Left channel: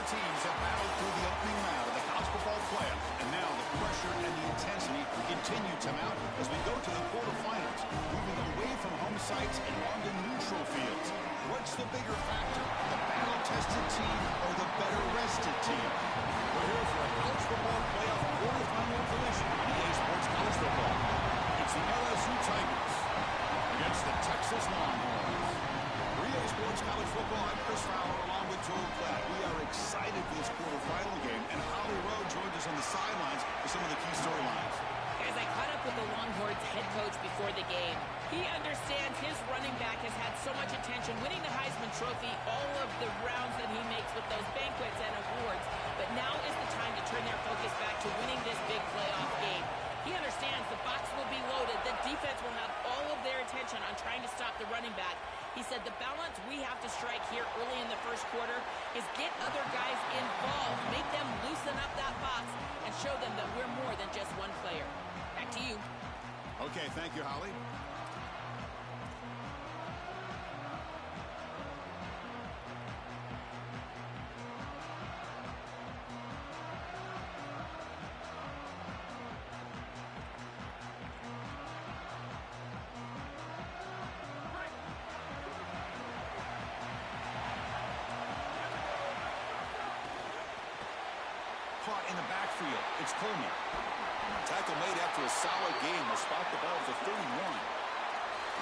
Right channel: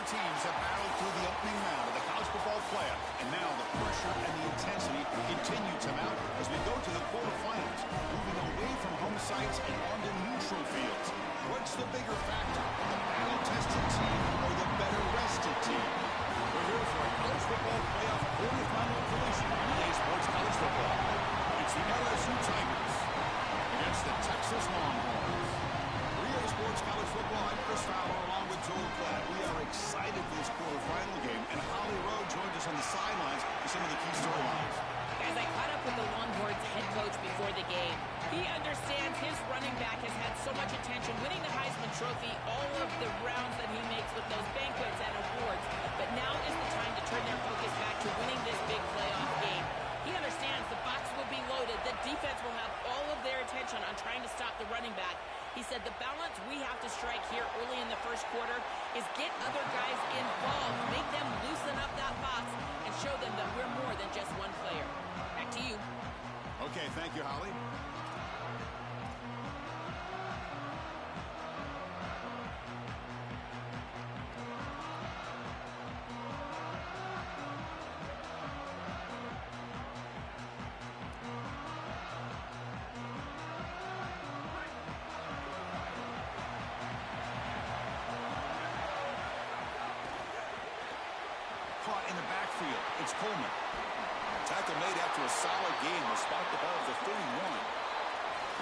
Four teams have battled through the opening round of the college football playoff, and now the pressure and the intensity continue to mount as we go to the quarterfinals, moving away from home sites and onto neutral fields. What's the bigger factor, the battle-tested team or the better-rested team? We're here for a college football playoff quarterfinal collision on EA Sports College Football. It's the LSU Tigers against the Texas Longhorns. For EA Sports College Football, I'm Chris Fowler along with Joel Klatt. We are excited for this quarterfinal game, and Holly Rowe joins us on the sidelines for some of the key storylines. As I caught up with the Longhorns head coach before the game, he understands his running back has had so much attention, winning the Heisman Trophy, all of the rounds that he makes with those banquets and awards. But now is the time to turn their focus back to winning this big playoff game. He understands the box will be loaded. The defense will have all of their attention on trying to stop the running back. He said the balance we have to strike here early in the first quarter is get other guys involved, make them loosen up that box, and show them that we're more than just one player. Back to you. Okay, thank you, Holly. Caught in the backfield. It's Coleman. Tackle made after a solid game. Will spot the ball at the 31.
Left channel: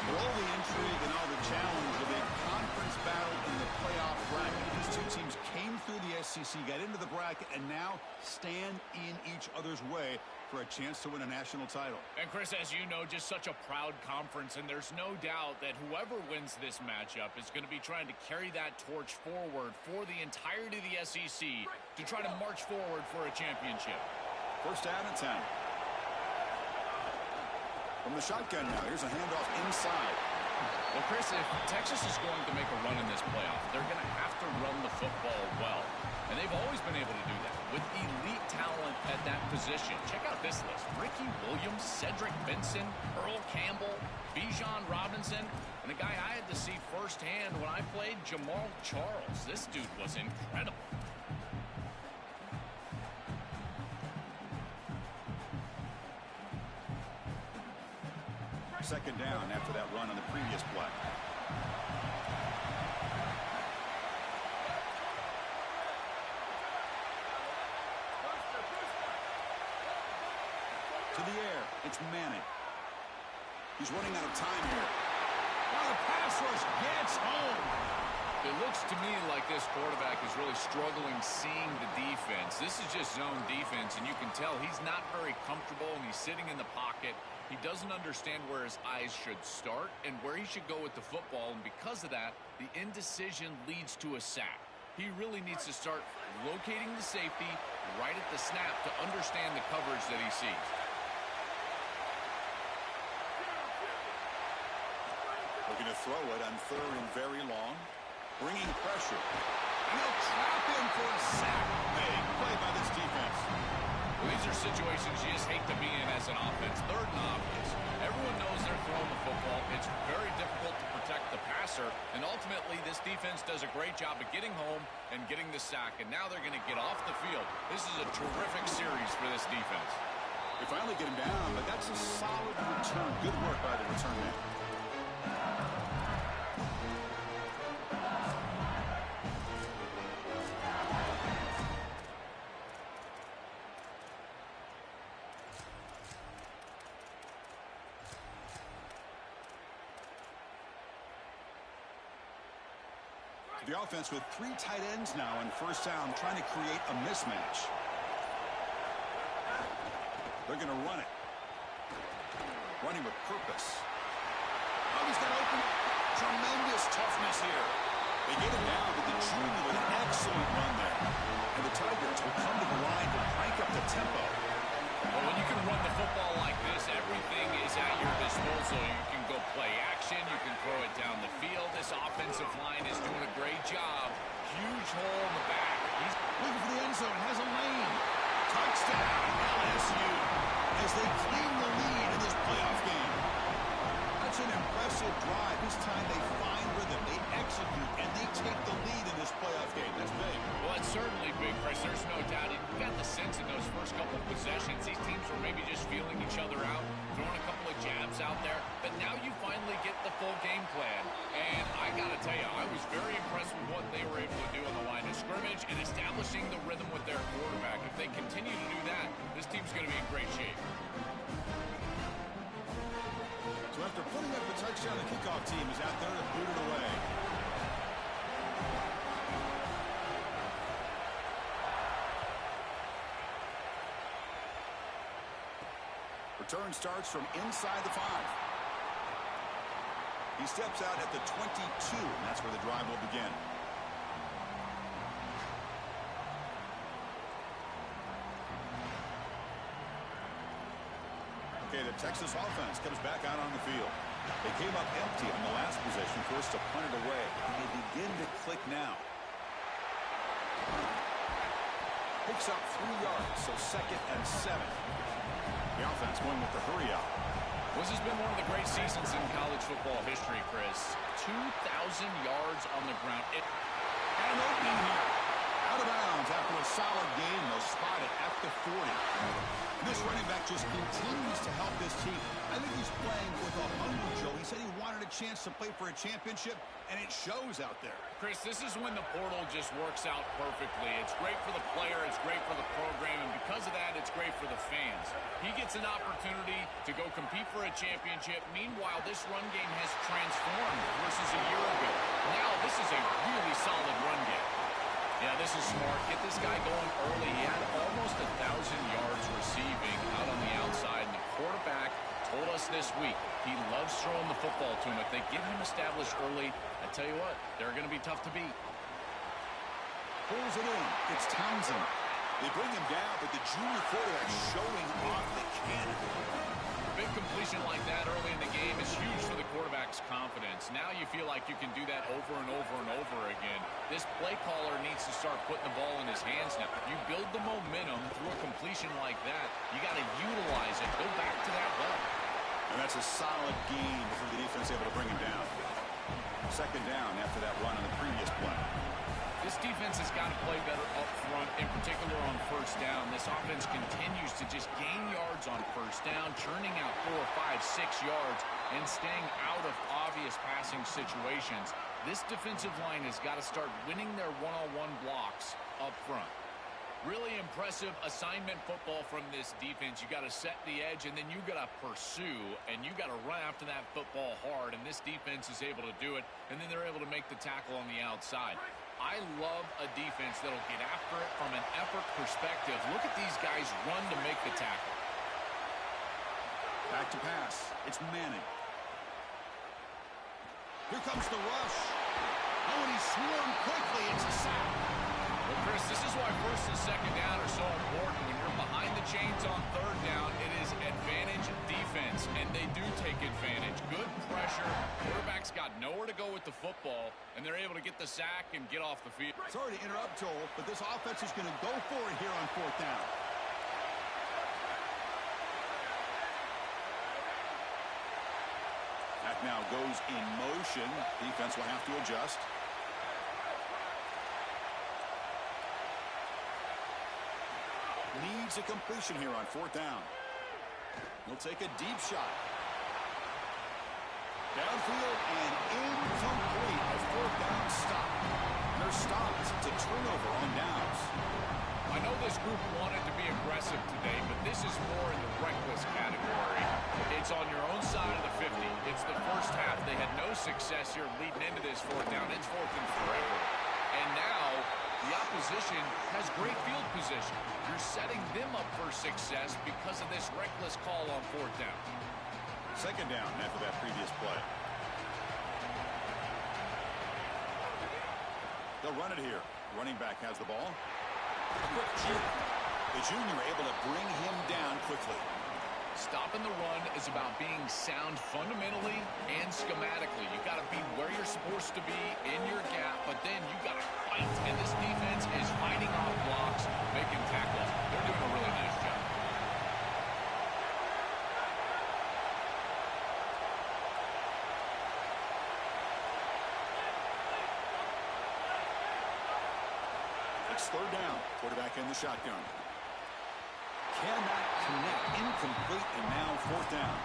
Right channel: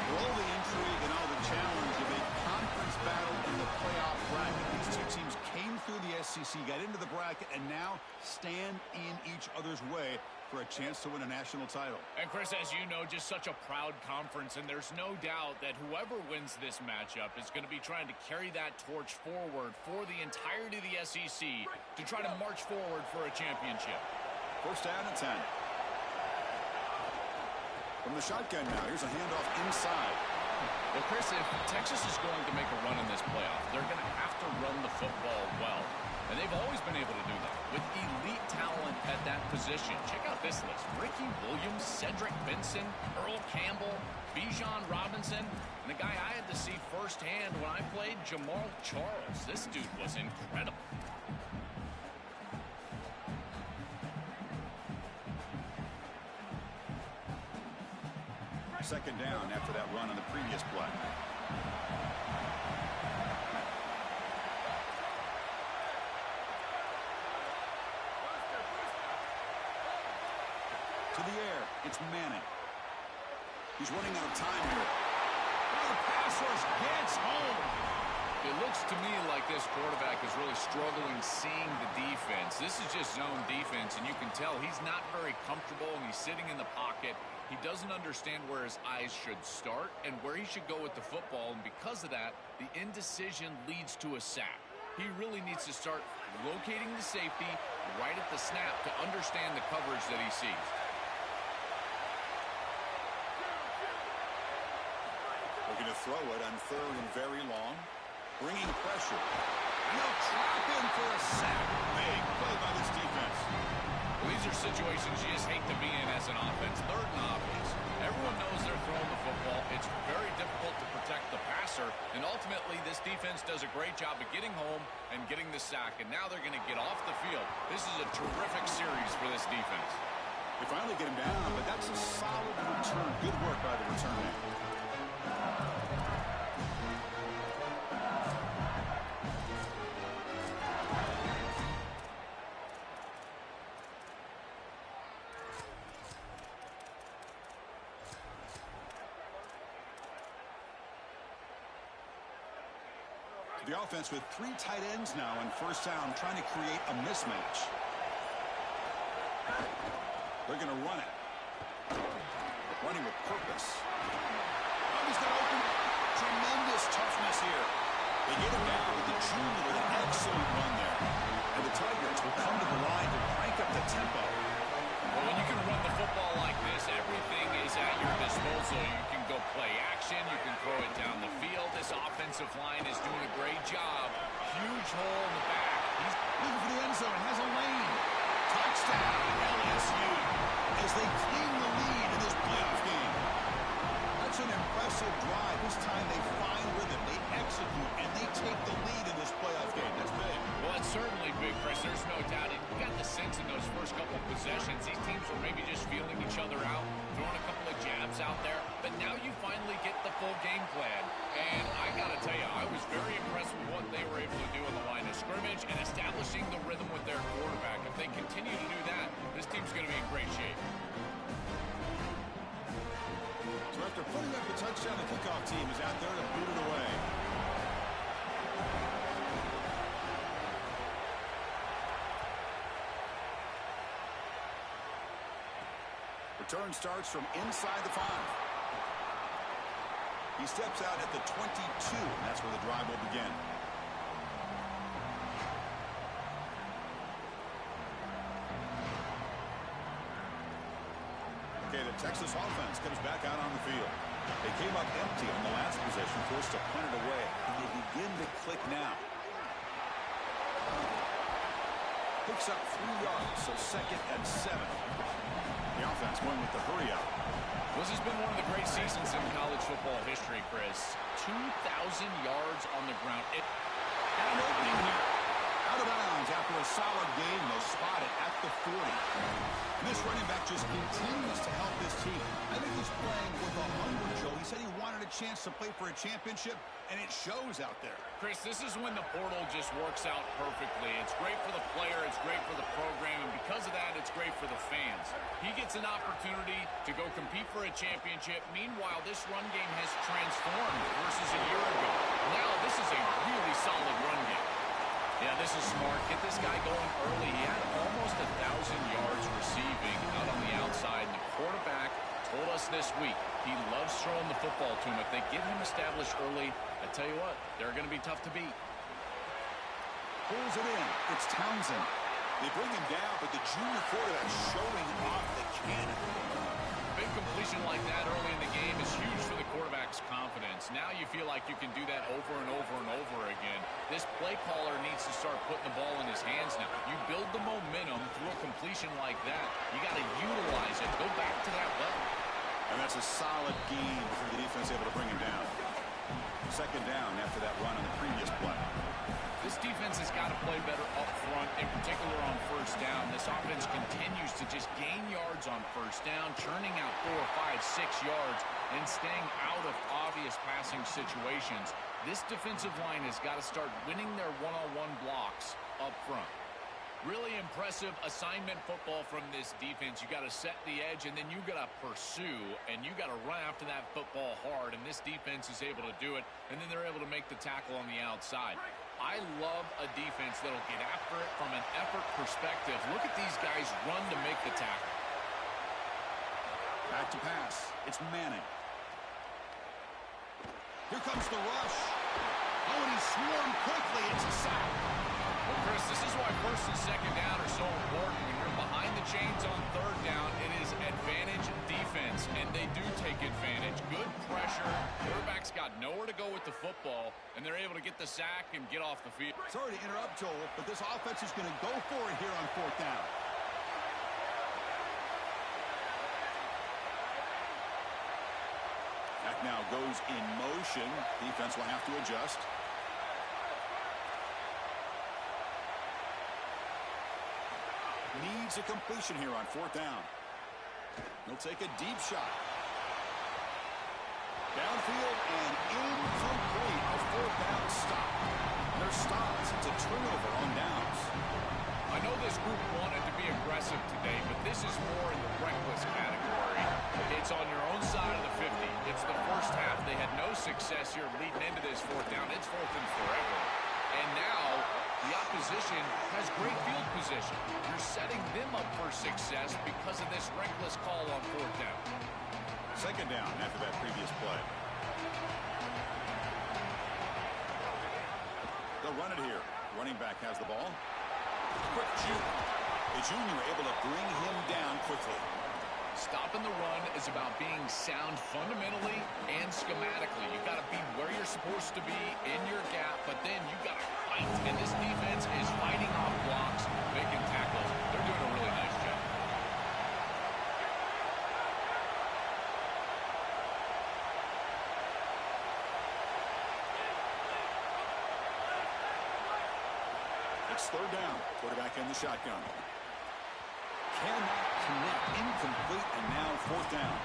For all the intrigue and all the challenge of a conference battle in the playoff bracket, these two teams came through the SEC, got into the bracket, and now stand in each other's way for a chance to win a national title. And Chris, as you know, just such a proud conference, and there's no doubt that whoever wins this matchup is going to be trying to carry that torch forward for the entirety of the SEC to try to march forward for a championship. First down and 10. From the shotgun now, here's a handoff inside. Well, Chris, if Texas is going to make a run in this playoff, they're going to have to run the football well. And they've always been able to do that with elite talent at that position. Check out this list. Ricky Williams, Cedric Benson, Earl Campbell, Bijan Robinson, and a guy I had to see firsthand when I played, Jamal Charles. This dude was incredible. Second down after that run on the previous play. To the air, it's Manning. He's running out of time here. Oh, the pass rush gets home. It looks to me like this quarterback is really struggling seeing the defense. This is just zone defense, and you can tell he's not very comfortable, and he's sitting in the pocket. He doesn't understand where his eyes should start and where he should go with the football, and because of that, the indecision leads to a sack. He really needs to start locating the safety right at the snap to understand the coverage that he sees. Looking to throw it on third and very long. Bringing pressure. And they'll trap him for a sack. Big play by this defense. Well, these are situations you just hate to be in as an offense. Third and obvious. Everyone knows they're throwing the football. It's very difficult to protect the passer. And ultimately, this defense does a great job of getting home and getting the sack. And now they're going to get off the field. This is a terrific series for this defense. They finally get him down, but that's a solid return. Good work by the return man. The offense with three tight ends now in first down, trying to create a mismatch. They're going to run it. Running with purpose. Oh, he's got open. Tremendous toughness here. They get him down with the junior with an excellent run there. And the Tigers will come to the line to crank up the tempo. Well, when you can run the football like this, everything is at your disposal. You can go play action. You can throw it down the field. This offensive line is doing a great job. Huge hole in the back. He's looking for the end zone. Has a lane. Touchdown, LSU, as they claim the lead in this playoff game. That's It's an impressive drive. This time they find rhythm, they execute, and they take the lead in this playoff game. That's big. Well, it's certainly big, Chris. There's no doubt. You got the sense in those first couple possessions, these teams were maybe just feeling each other out, throwing a couple of jabs out there. But now you finally get the full game plan. And I got to tell you, I was very impressed with what they were able to do on the line of scrimmage and establishing the rhythm with their quarterback. If they continue to do that, this team's going to be in great shape. So after putting up the touchdown, the kickoff team is out there to boot it away. Return starts from inside the 5. He steps out at the 22, and that's where the drive will begin. Okay, the Texas offense comes back out on the field. They came up empty on the last possession, forced to punt it away, and they begin to click now. Picks up 3 yards, so 2nd and 7. The offense going with the hurry out. Well, this has been one of the great seasons in college football history, Chris. 2,000 yards on the ground. And an opening here. Out of bounds after a solid game. They'll spot it at the 40. And this running back just continues to help this team. I think he's playing with a hunger, Joe. He said he wanted a chance to play for a championship, and it shows out there. Chris, this is when the portal just works out perfectly. It's great for the player, it's great for the program, and because of that, it's great for the fans. He gets an opportunity to go compete for a championship. Meanwhile, this run game has transformed versus a year ago. Now, this is a really solid run game. Yeah, this is smart. Get this guy going early. He had almost 1,000 yards receiving out on the outside. And the quarterback told us this week he loves throwing the football to him. If they get him established early, I tell you what, they're going to be tough to beat. Pulls it in. It's Townsend. They bring him down, but the junior quarterback showing off the cannon. Big completion like that early in the game is huge for the quarterback's confidence. Now you feel like you can do that over and over and over again. This play caller needs to start putting the ball in his hands now. You build the momentum through a completion like that. You got to utilize it. Go back to that well. And that's a solid gain before the defense able to bring him down. 2nd down after that run on the previous play. This defense has got to play better up front, in particular on 1st down. This offense continues to just gain yards on 1st down, churning out 4, 5, 6 yards, and staying out of obvious passing situations. This defensive line has got to start winning their one-on-one blocks up front. Really impressive assignment football from this defense. You got to set the edge, and then you got to pursue, and you got to run after that football hard, and this defense is able to do it, and then they're able to make the tackle on the outside. I love a defense that'll get after it from an effort perspective. Look at these guys run to make the tackle. Back to pass. It's Manning. Here comes the rush. Oh, and he swarmed quickly. It's a sack. Well, Chris, this is why 1st and 2nd down are so important. When you're behind the chains on 3rd down, it is advantage defense, and they do take advantage. Good pressure. Quarterback's got nowhere to go with the football, and they're able to get the sack and get off the field. Sorry to interrupt, Joel, but this offense is going to go for it here on 4th down. Back now goes in motion. Defense will have to adjust. Needs a completion here on 4th down. He'll take a deep shot. Downfield and incomplete. A 4th down stop. And they're stopped. It's a turnover on downs. I know this group wanted to be aggressive today, but this is more in the reckless category. It's on your own side of the 50. It's the first half. They had no success here leading into this 4th down. It's 4th and forever. And now the opposition has great field position. You're setting them up for success because of this reckless call on 4th down. 2nd down after that previous play. They'll run it here. Running back has the ball. Quick juke. The junior able to bring him down quickly. Stopping the run is about being sound fundamentally and schematically. You got to be where you're supposed to be in your gap, but then you got to fight. And this defense is fighting off blocks, making tackles. They're doing a really nice job. It's third down. Quarterback in the shotgun. Cannot connect. Incomplete, and now fourth down.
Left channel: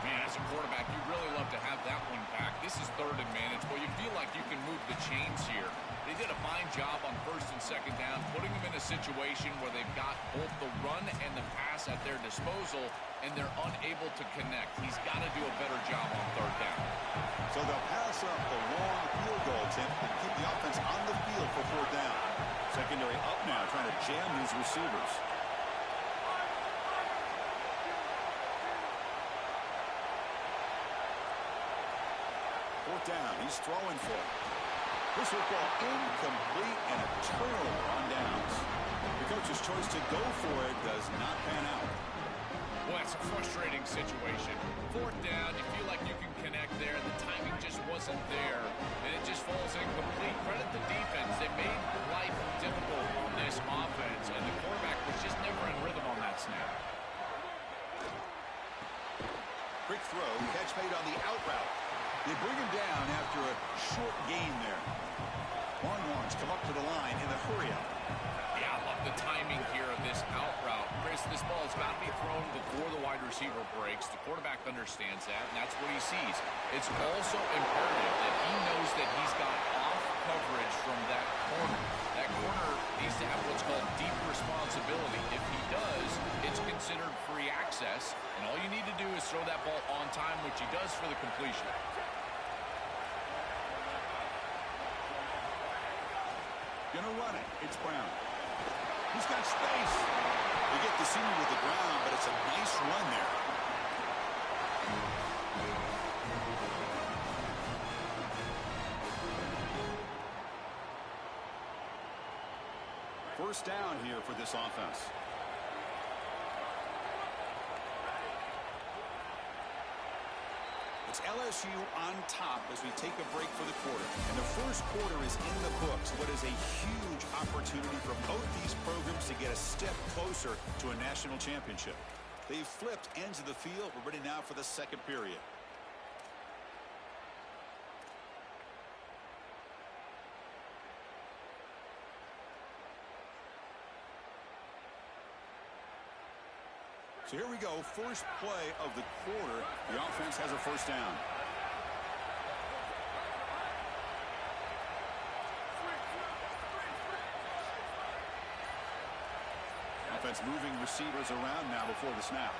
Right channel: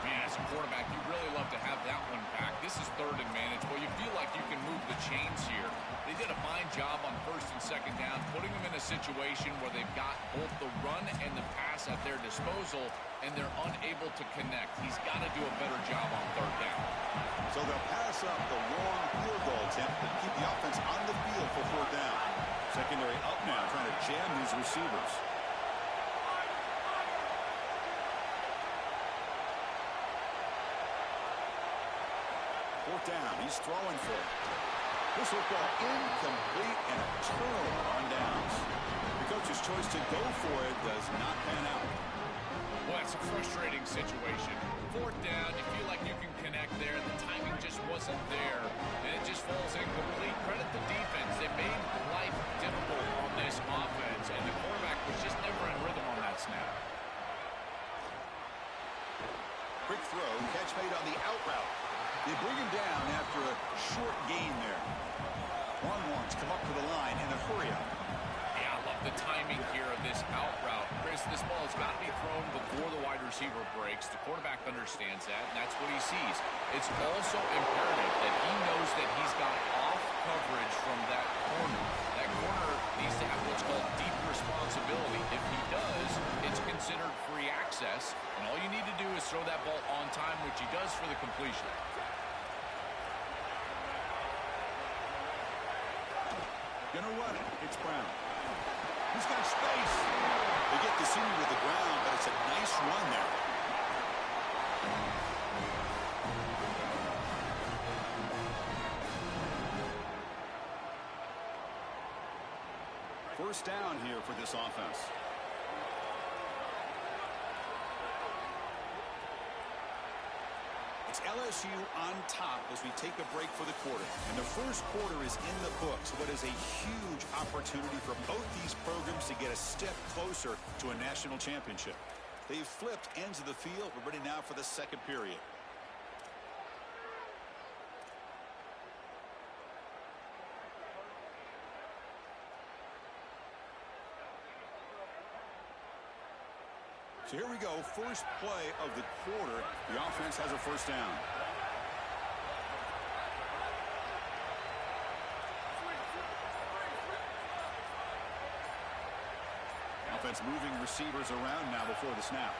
Man, as a quarterback, you really love to have that one back. This is third and manageable. You feel like you can move the chains here. They did a fine job on first and second down, putting them in a situation where they've got both the run and the pass at their disposal, and they're unable to connect. He's got to do a better job on third down. So they'll pass up the long field goal attempt and keep the offense on the field for fourth down. Secondary up now, trying to jam these receivers. Fourth down, he's throwing for it. This football incomplete and a turnover on downs. The coach's choice to go for it does not pan out. Well, it's a frustrating situation. Fourth down, you feel like you can connect there. The timing just wasn't there, and it just falls incomplete. Credit the defense. They made life difficult on this offense, and the quarterback was just never in rhythm on that snap. Quick throw, catch made on the out route. They bring him down after a short gain there. Longhorns come up to the line in a hurry-up. Yeah, I love the timing here of this out route. Chris, this ball has got to be thrown before the wide receiver breaks. The quarterback understands that, and that's what he sees. It's also imperative that he knows that he's got off coverage from that corner. That corner needs to have what's called deep responsibility. If he does, it's considered free access, and all you need to do is throw that ball on time, which he does for the completion. Gonna run it. It's Brown. He's got space. They get the senior to the ground, but it's a nice run there. First down here for this offense. It's LSU on top as we take a break for the quarter. And the first quarter is in the books. What is a huge opportunity for both these programs to get a step closer to a national championship. They've flipped ends of the field. We're ready now for the second period. So here we go, first play of the quarter. The offense has a first down. Offense moving receivers around now before the snap.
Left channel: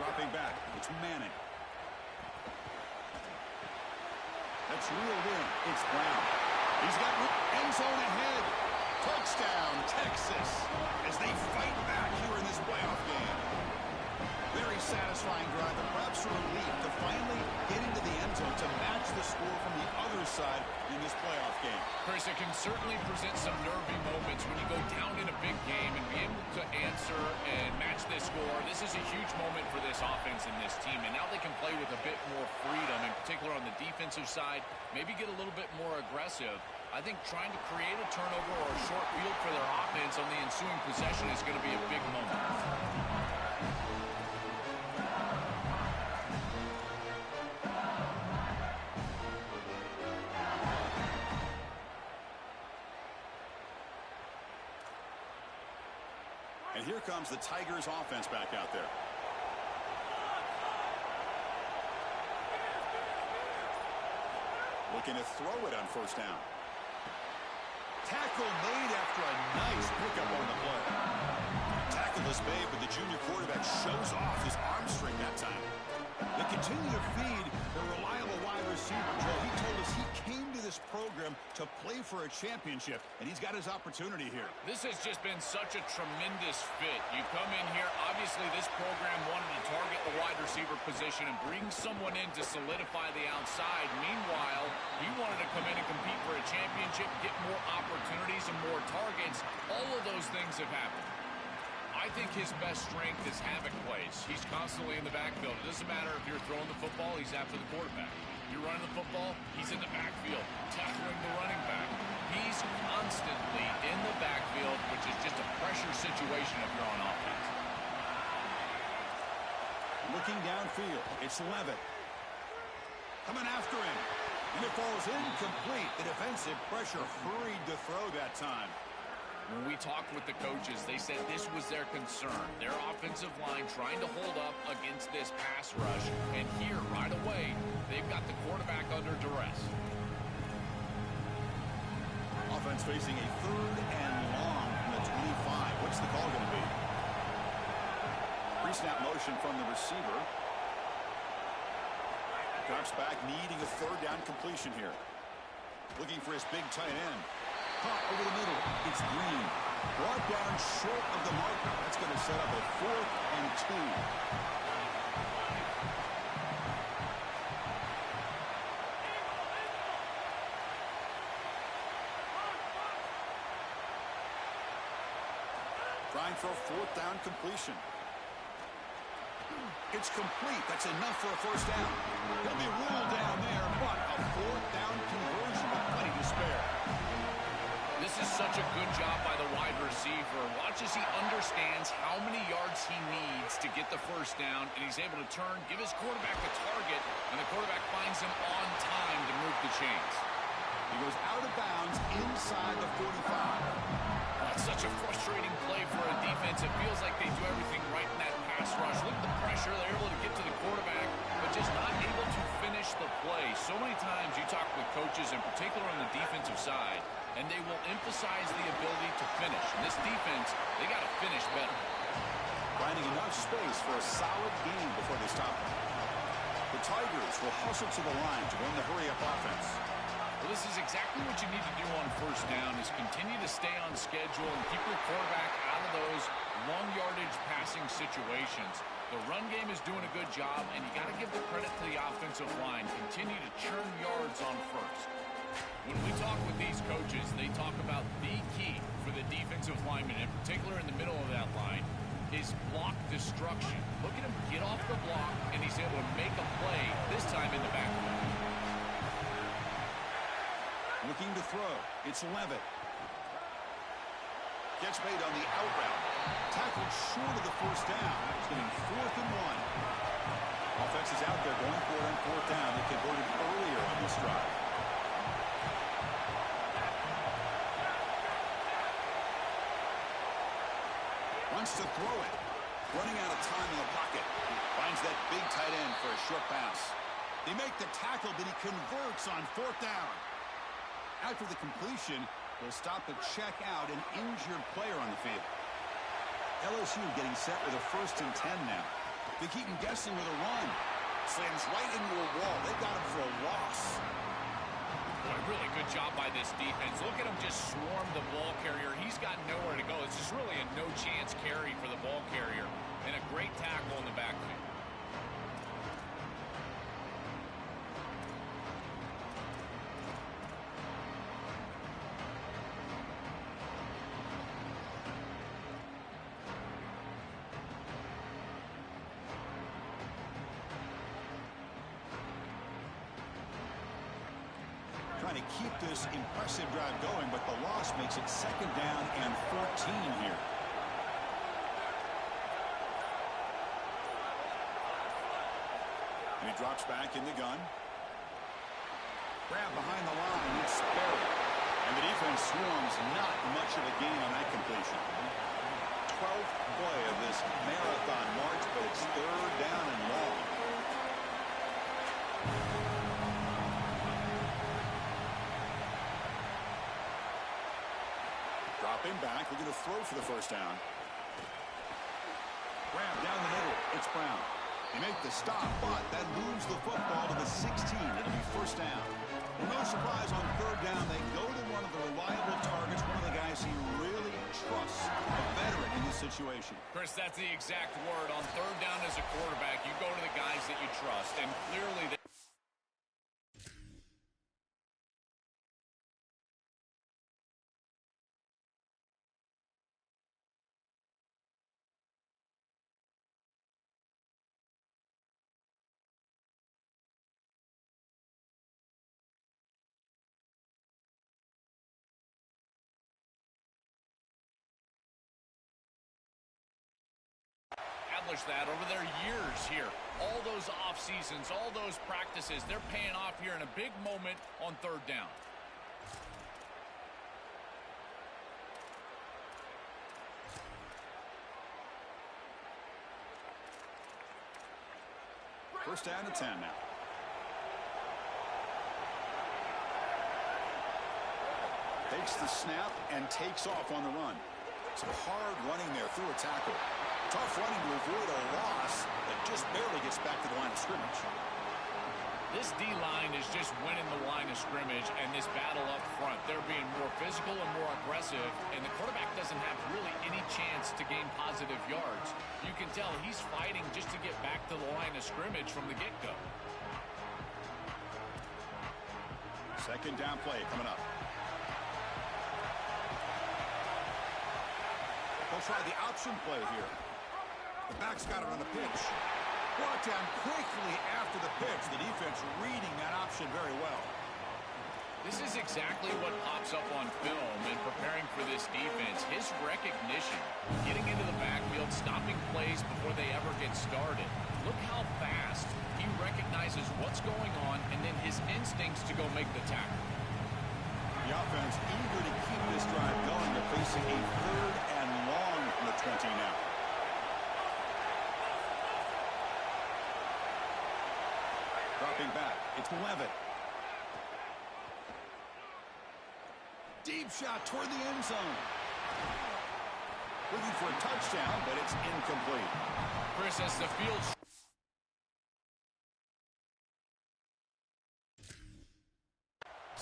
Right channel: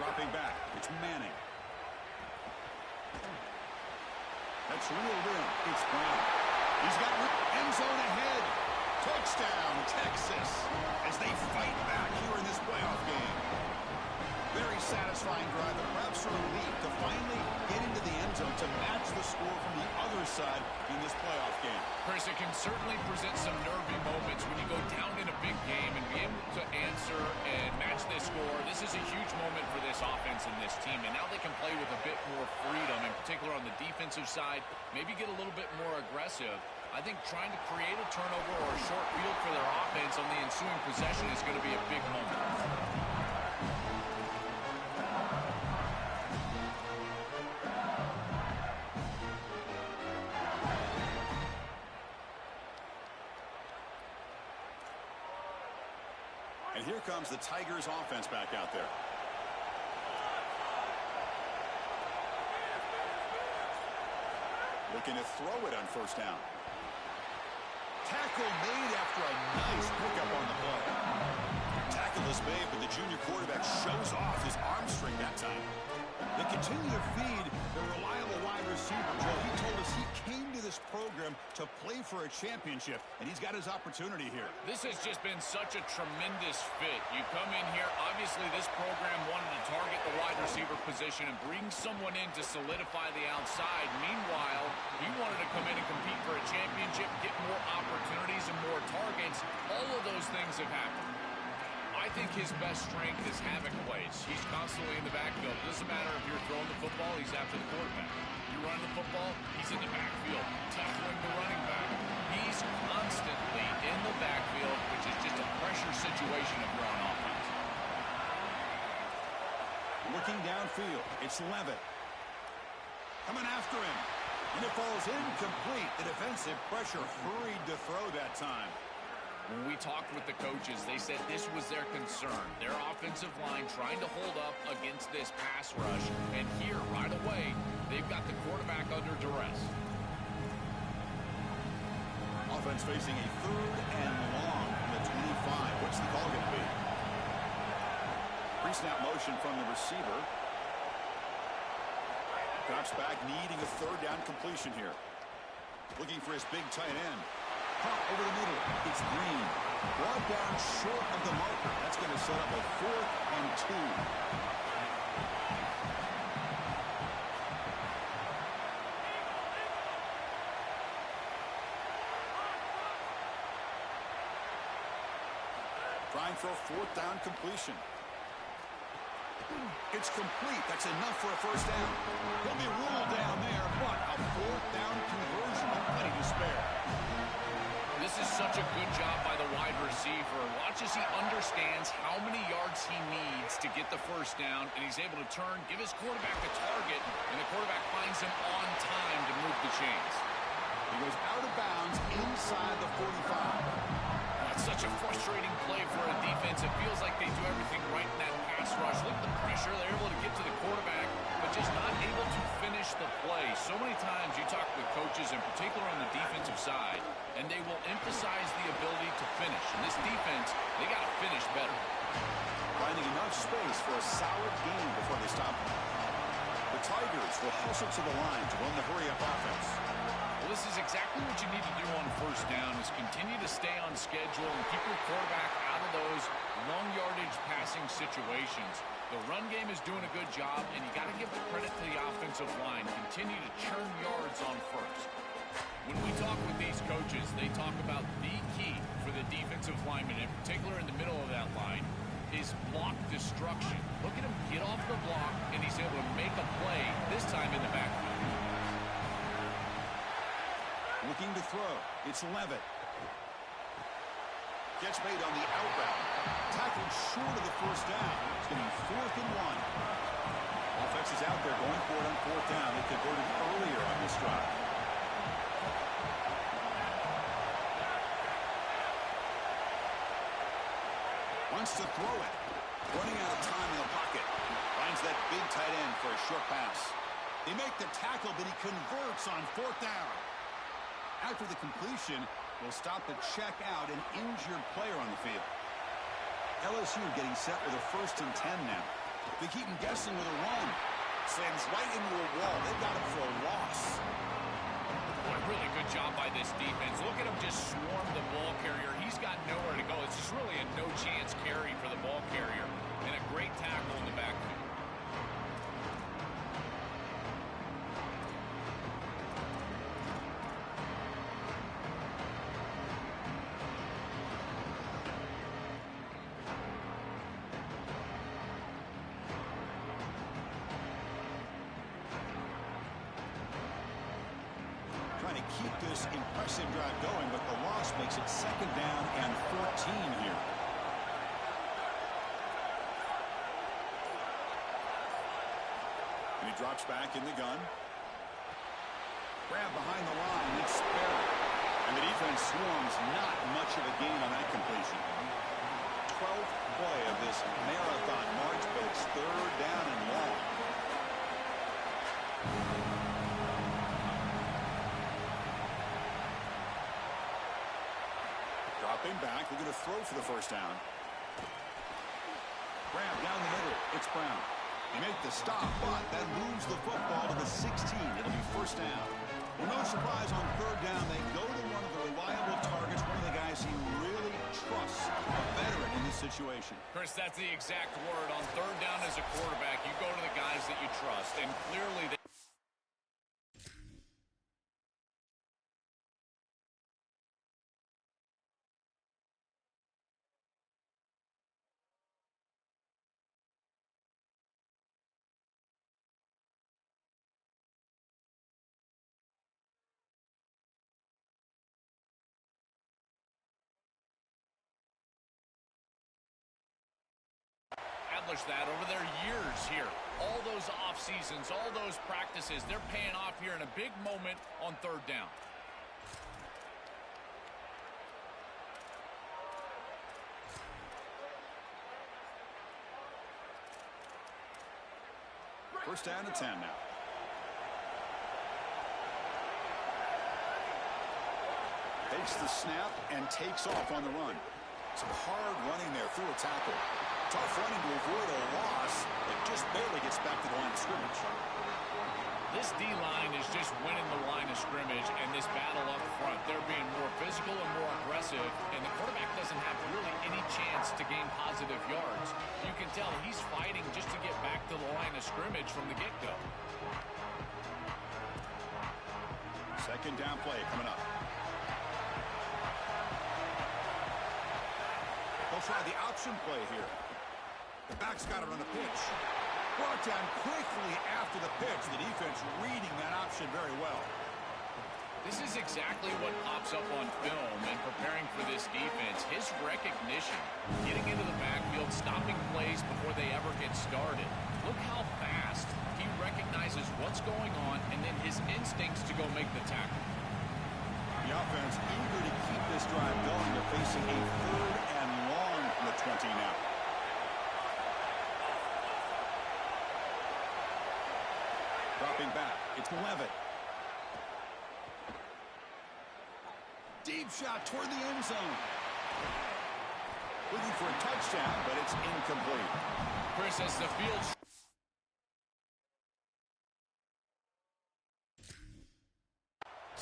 Dropping back, it's Manning. That's reeled in, it's Brown. He's got end zone ahead. Touchdown, Texas, as they fight back here in this playoff game. Very satisfying drive, but perhaps a relief to finally get into the end zone to match the score from the other side in this playoff game. Chris, it can certainly present some nervy moments when you go down in a big game and be able to answer and match this score. This is a huge moment for this offense and this team, and now they can play with a bit more freedom, in particular on the defensive side, maybe get a little bit more aggressive. I think trying to create a turnover or a short field for their offense on the ensuing possession is going to be a big moment. And here comes the Tigers offense back out there. Looking to throw it on first down. Tackle made after a nice pickup on the play. Tackle is made, but the junior quarterback shows off his arm strength that time. They continue to feed the reliable wide receiver. Joe, he told us he came to this program to play for a championship, and he's got his opportunity here. This has just been such a tremendous fit. You come in here, obviously this program wanted to target the wide receiver position and bring someone in to solidify the outside. Meanwhile, he wanted to come in and compete for a championship, get more opportunities and more targets. All of those things have happened. I think his best strength is havoc plays. He's constantly in the backfield. It doesn't matter if you're throwing the football, he's after the quarterback. You're running the football, he's in the backfield, tackling the running back. He's constantly in the backfield, which is just a pressure situation if you're on offense. Looking downfield, it's Levitt. Coming after him. And it falls incomplete. The defensive pressure hurried to throw that time. When we talked with the coaches, they said this was their concern. Their offensive line trying to hold up against this pass rush. And here, right away, they've got the quarterback under duress. Offense facing a 3rd and long from the 25. What's the call going to be? Pre-snap motion from the receiver. Drops back, needing a 3rd down completion here. Looking for his big tight end. Caught over the middle. It's Green. Brought down short of the marker. That's going to set up a 4th and 2. Trying for a 4th down completion. It's complete. That's enough for a 1st down. He'll be ruled down there, but a 4th down conversion with plenty to spare. This is such a good job by the wide receiver. Watch as he understands how many yards he needs to get the 1st down, and he's able to turn, give his quarterback the target, and the quarterback finds him on time to move the chains. He goes out of bounds inside the 45. It's such a frustrating play for a defense. It feels like they do everything right in that pass rush. Look at the pressure. They're able to get to the quarterback, but just not able to finish the play. So many times you talk with coaches, in particular on the defensive side, and they will emphasize the ability to finish. In this defense, they got to finish better. Finding enough space for a solid game before they stop them. The Tigers will hustle to the line to run the hurry-up offense. Well, this is exactly what you need to do on 1st down, is continue to stay on schedule and keep your quarterback out of those long yardage passing situations. The run game is doing a good job, and you got to give the credit to the offensive line. Continue to churn yards on 1st. When we talk with these coaches, they talk about the key for the defensive lineman, in particular in the middle of that line, is block destruction. Look at him get off the block, and he's able to make a play, this time in the backfield. Looking to throw. It's Levitt. Catch made on the out route. Tackled short of the 1st down. It's getting 4th and 1. Offense is out there going for it on 4th down. They converted earlier on this drive. Wants to throw it. Running out of time in the pocket. Finds that big tight end for a short pass. They make the tackle, but he converts on 4th down. After the completion, will stop the check out an injured player on the field. LSU getting set with a 1st and 10 now. They keep him guessing with a run. Slams right into a wall. They've got him for a loss. Boy, really good job by this defense. Look at him just swarm the ball carrier. He's got nowhere to go. It's just really a no-chance carry for the ball carrier. And a great tackle in the backfield. Trying to keep this impressive drive going, but the loss makes it 2nd down and 14 here. And he drops back in the gun. Grab behind the line. It's Sperry. And the defense swarms. Not much of a gain on that completion. 12th play of this marathon march, but it's 3rd down and long. Dropping back, looking to throw for the 1st down. Grab down the middle. It's Brown. They make the stop, but that moves the football to the 16. It'll be 1st down. Well, no surprise on 3rd down. They go to one of the reliable targets, one of the guys he really trusts, a veteran in this situation. Chris, that's the exact word. On 3rd down as a quarterback, you go to the guys that you trust, and clearly they that over their years here. All those off seasons, all those practices, they're paying off here in a big moment on 3rd down. First down and 10 now. Takes the snap and takes off on the run. Some hard running there through a tackle. Tough running to avoid a loss that just barely gets back to the line of scrimmage. This D-line is just winning the line of scrimmage, and this battle up front, they're being more physical and more aggressive, and the quarterback doesn't have really any chance to gain positive yards. You can tell he's fighting just to get back to the line of scrimmage from the get-go. Second down play coming up. They'll try the option play here. The back's got it on the pitch. Brought down quickly after the pitch. The defense reading that option very well. This is exactly what pops up on film in preparing for this defense. His recognition, getting into the backfield, stopping plays before they ever get started. Look how fast he recognizes what's going on and then his instincts to go make the tackle. The offense eager to keep this drive going. They're facing a third and long from the 20 now. Dropping back. It's Levitt. Deep shot toward the end zone. Looking for a touchdown, but it's incomplete. Chris, as the field...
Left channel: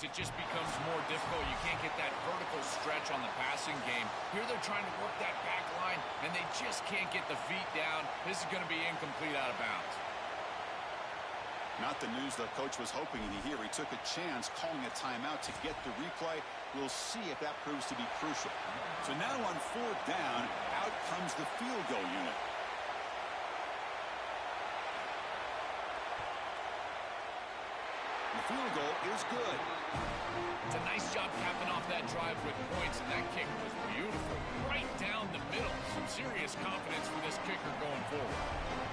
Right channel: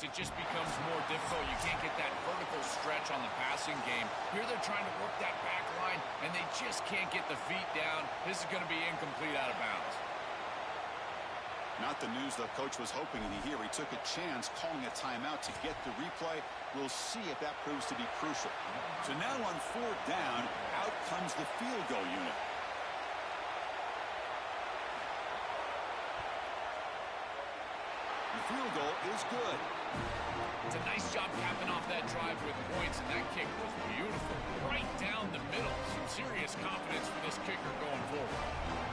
it just becomes more difficult. You can't get that vertical stretch on the passing game. Here they're trying to work that back line, and they just can't get the feet down. This is going to be incomplete out of bounds. Not the news the coach was hoping to hear. He took a chance calling a timeout to get the replay. We'll see if that proves to be crucial. So now on fourth down, out comes the field goal unit. The field goal is good. It's a nice job capping off that drive with points, and that kick was beautiful. Right down the middle. Some serious confidence for this kicker going forward.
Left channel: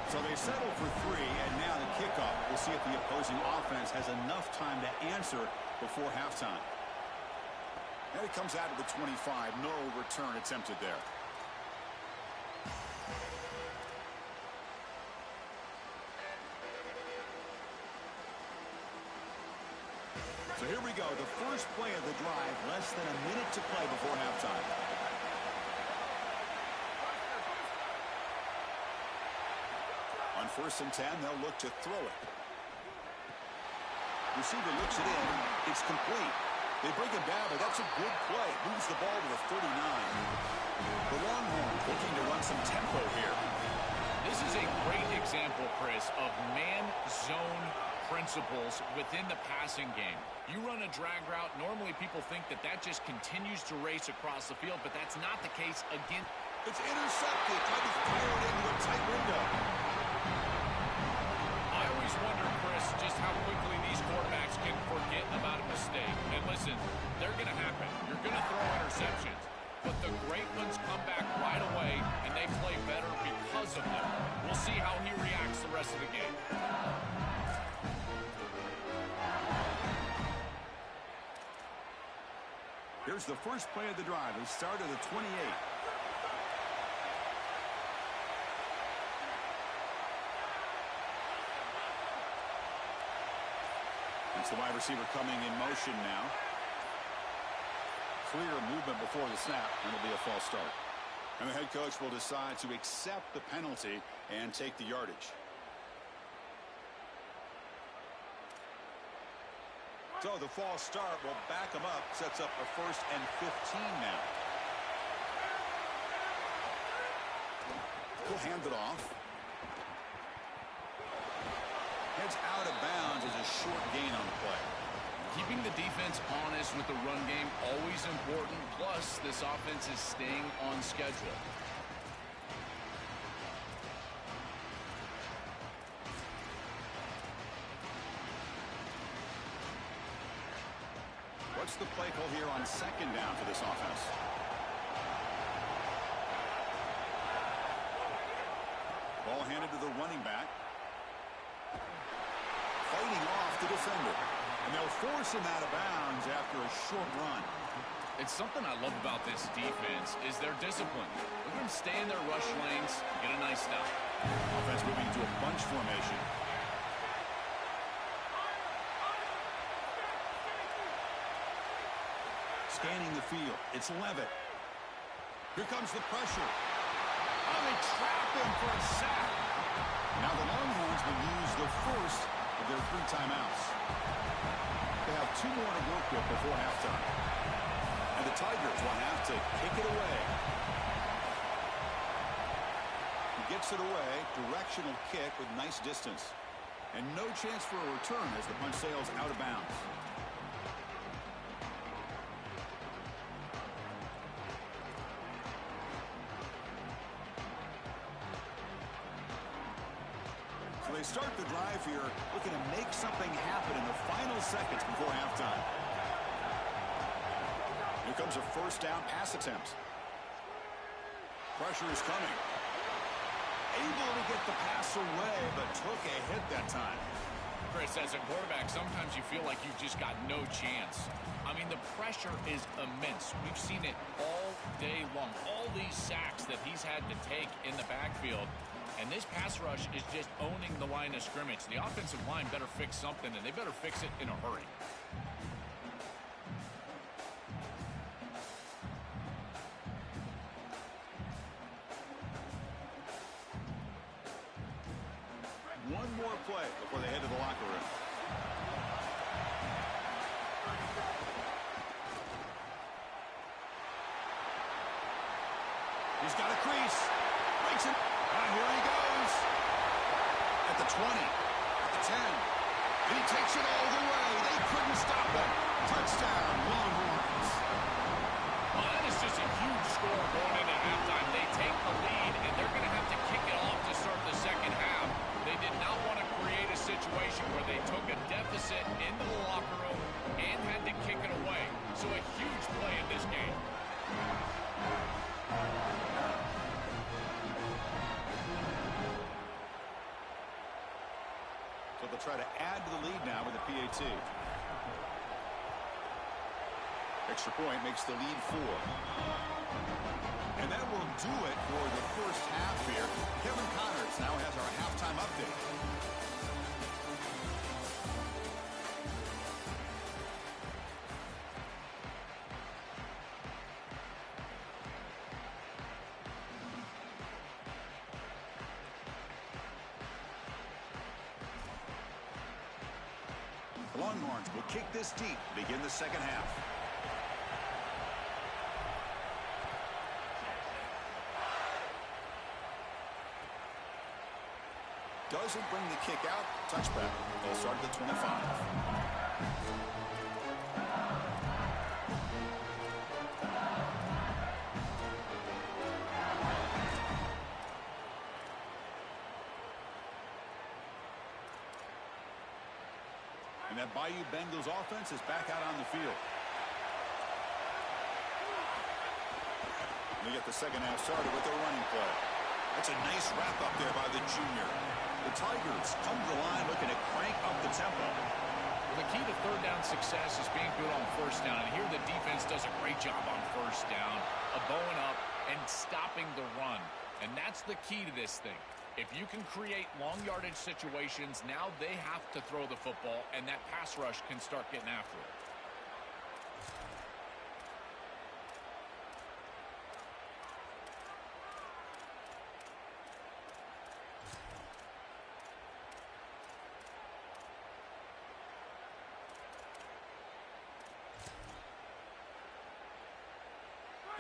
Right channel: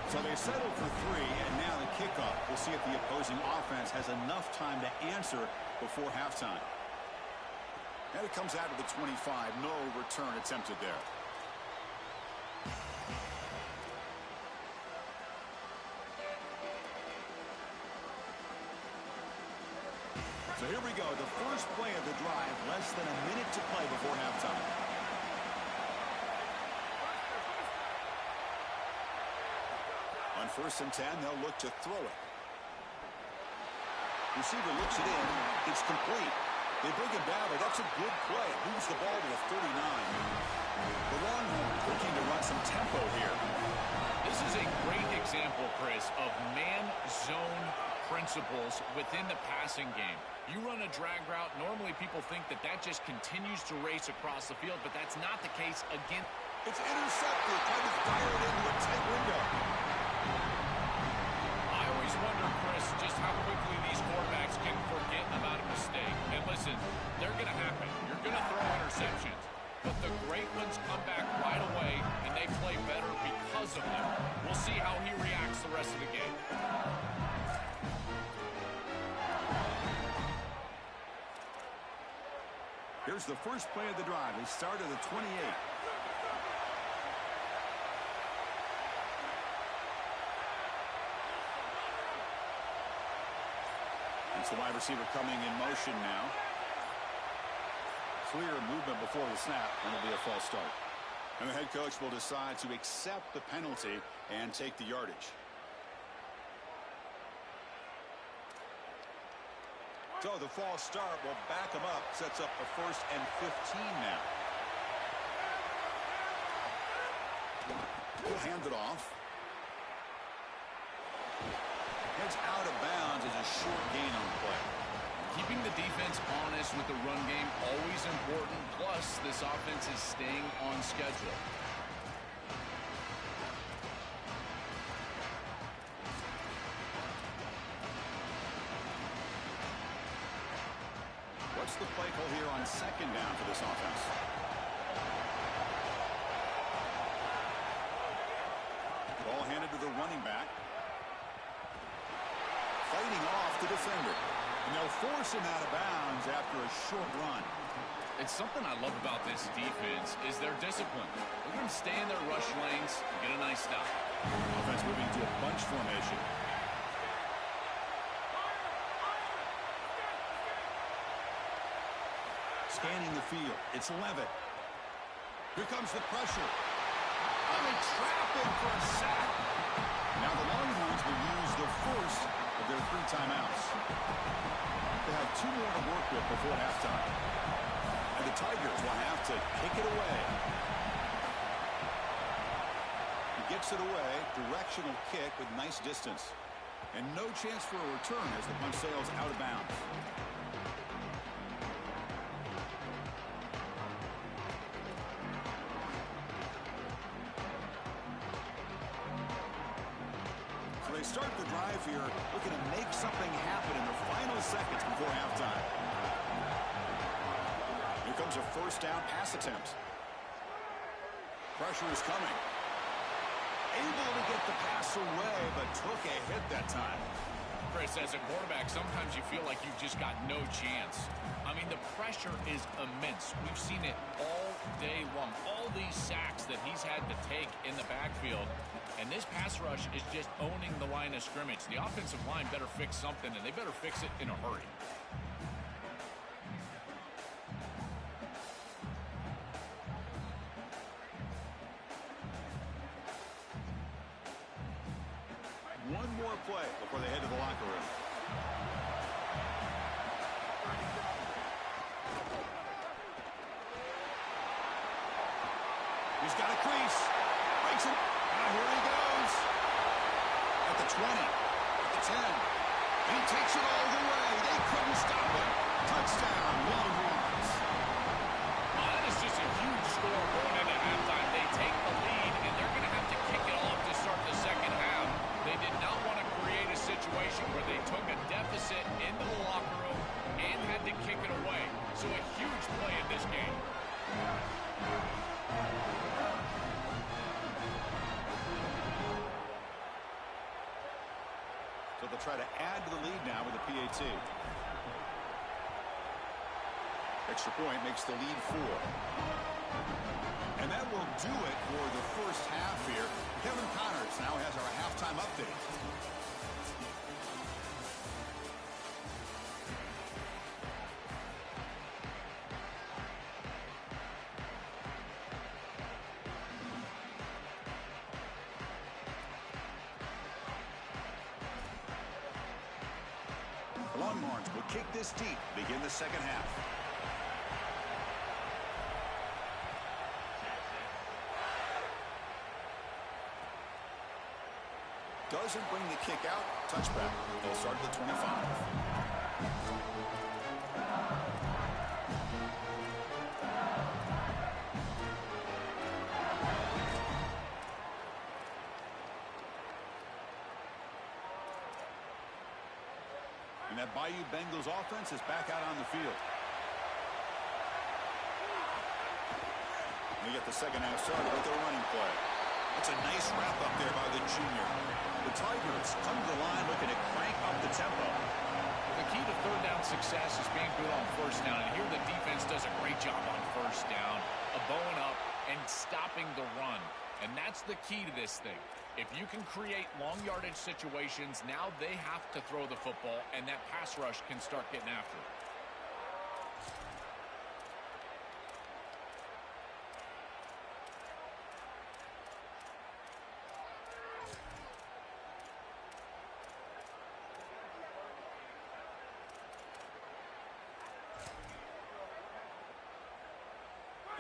So they settle for 3, and now the kickoff. We'll see if the opposing offense has enough time to answer before halftime. And it comes out of the 25. No return attempted there. So here we go, the first play of the drive, less than a minute to play before halftime. On 1st and 10, they'll look to throw it. Receiver looks it in. It's complete. They bring him down, but that's a good play. Moves the ball to the 39. The Longhorns looking to run some tempo here. This is a great example, Chris, of man-zone principles within the passing game. You run a drag route, normally people think that that just continues to race across the field, but that's not the case again. It's intercepted, trying to fire it into a tight window. I always wonder, Chris, just how quickly these quarterbacks can forget about a mistake. And listen, they're going to happen. You're going to throw interceptions. But the great ones come back right away, and they play better because of them. We'll see how he reacts the rest of the game. Here's the first play of the drive. They start at the 28. It's the wide receiver coming in motion now. Clear movement before the snap, and it'll be a false start. And the head coach will decide to accept the penalty and take the yardage. So the false start will back him up, sets up a 1st and 15 now. He'll hand it off. Heads out of bounds is a short gain on the play. Keeping the defense honest with the run game, always important. Plus, this offense is staying on schedule. What's the play call here on 2nd down for this offense? Ball handed to the running back. Fighting off the defender. And they'll force him out of bounds after a short run. It's something I love about this defense is their discipline. Look at them stay in their rush lanes, get a nice stop. Offense moving to a bunch formation. Scanning the field. It's Levitt. Here comes the pressure. Oh, they trap him for a sack. Now the Longhorns will use the first of their 3 timeouts. They have 2 more to work with before halftime. And the Tigers will have to kick it away. He gets it away. Directional kick with nice distance. And no chance for a return as the punt sails out of bounds. They start the drive here, looking to make something happen in the final seconds before halftime. Here comes a first down pass attempt. Pressure is coming. Able to get the pass away, but took a hit that time. Chris, as a quarterback, sometimes you feel like you've just got no chance. I mean, the pressure is immense. We've seen it all day long. All these sacks that he's had to take in the backfield. And this pass rush is just owning the line of scrimmage. The offensive line better fix something, and they better fix it in a hurry. One more play before they head to the locker room. He's got a crease. Breaks it. Now here he goes. At the 20. At the 10. And he takes it all the way. They couldn't stop him. Touchdown, Longhorns. Well, that is just a huge score going into halftime. They take the lead, and they're going to have to kick it off to start the second half. They did not want to create a situation where they took a deficit into the locker room and had to kick it away. So a huge play in this game. So they'll try to add to the lead now with a PAT. Extra point makes the lead 4. And that will do it for the first half here. Kevin Connors now has our halftime update. The Longhorns will kick this deep, begin the second half. Doesn't bring the kick out. Touchback. They'll start at the 25. And that Bayou Bengals offense is back out on the field. We get the second half started with the running play. That's a nice wrap up there by the junior. The Tigers come to the line looking to crank up the tempo. The key to third down success is being good on first down. And here the defense does a great job on first down of bowing up and stopping the run. And that's the key to this thing. If you can create long yardage situations, now they have to throw the football, and that pass rush can start getting after it.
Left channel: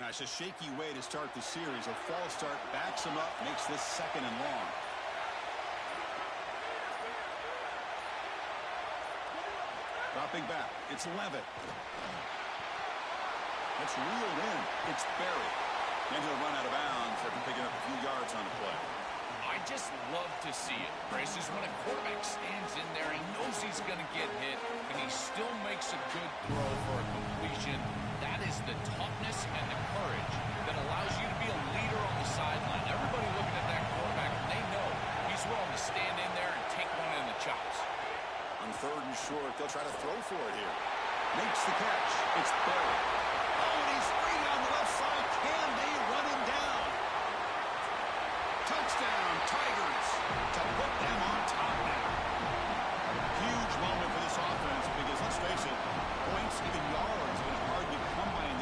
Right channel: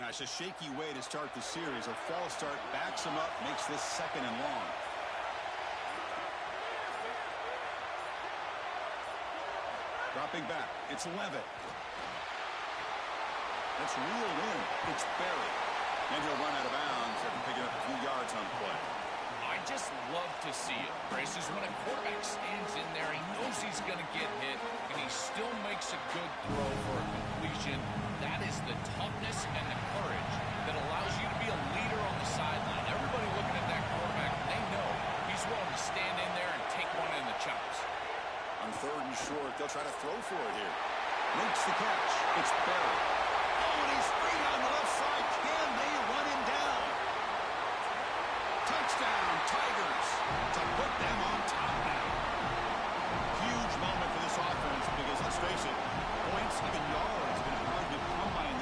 Now, it's a shaky way to start the series. A false start backs him up, makes this second and long. Dropping back, it's Levitt. That's reeled in. It's Berry. And he'll run out of bounds after picking up a few yards on the play. I just love to see it, Chris, is when a quarterback stands in there, he knows he's going to get hit, and he still makes a good throw for a completion. That is the toughness and the courage that allows you to be a leader on the sideline. Everybody looking at that quarterback, they know he's willing to stand in there and take one in the chops. On third and short, they'll try to throw for it here. Makes the catch. It's Berry. Oh, and he's free down the left side. Can they run him down? Touchdown, Tigers, to put them on top now. Huge moment for this offense because, let's face it, points, even yards, have been hard to come by in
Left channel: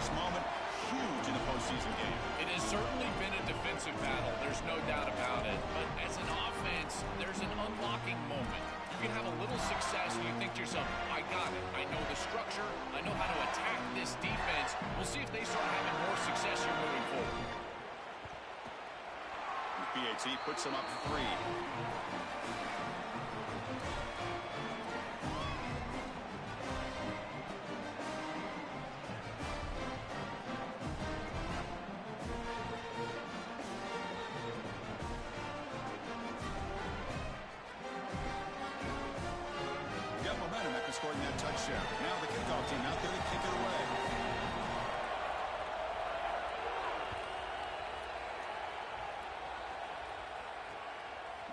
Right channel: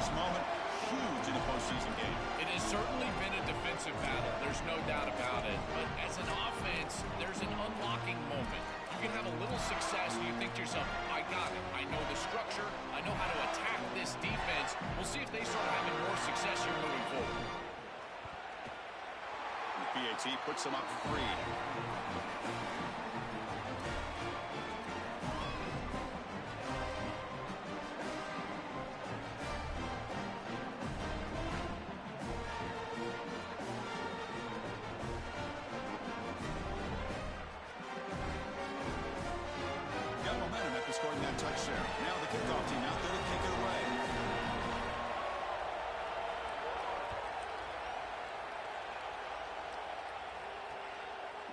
this moment huge in a postseason game. It has certainly been a defensive battle. There's no doubt about it. But as an offense, there's an unlocking moment. You can have a little success and you think to yourself, I got it. I know the structure. I know how to attack this defense. We'll see if they start having more success here moving forward. The PAT puts them up 3. Got momentum after scoring that touchdown. Now the kickoff team out there to kick it away.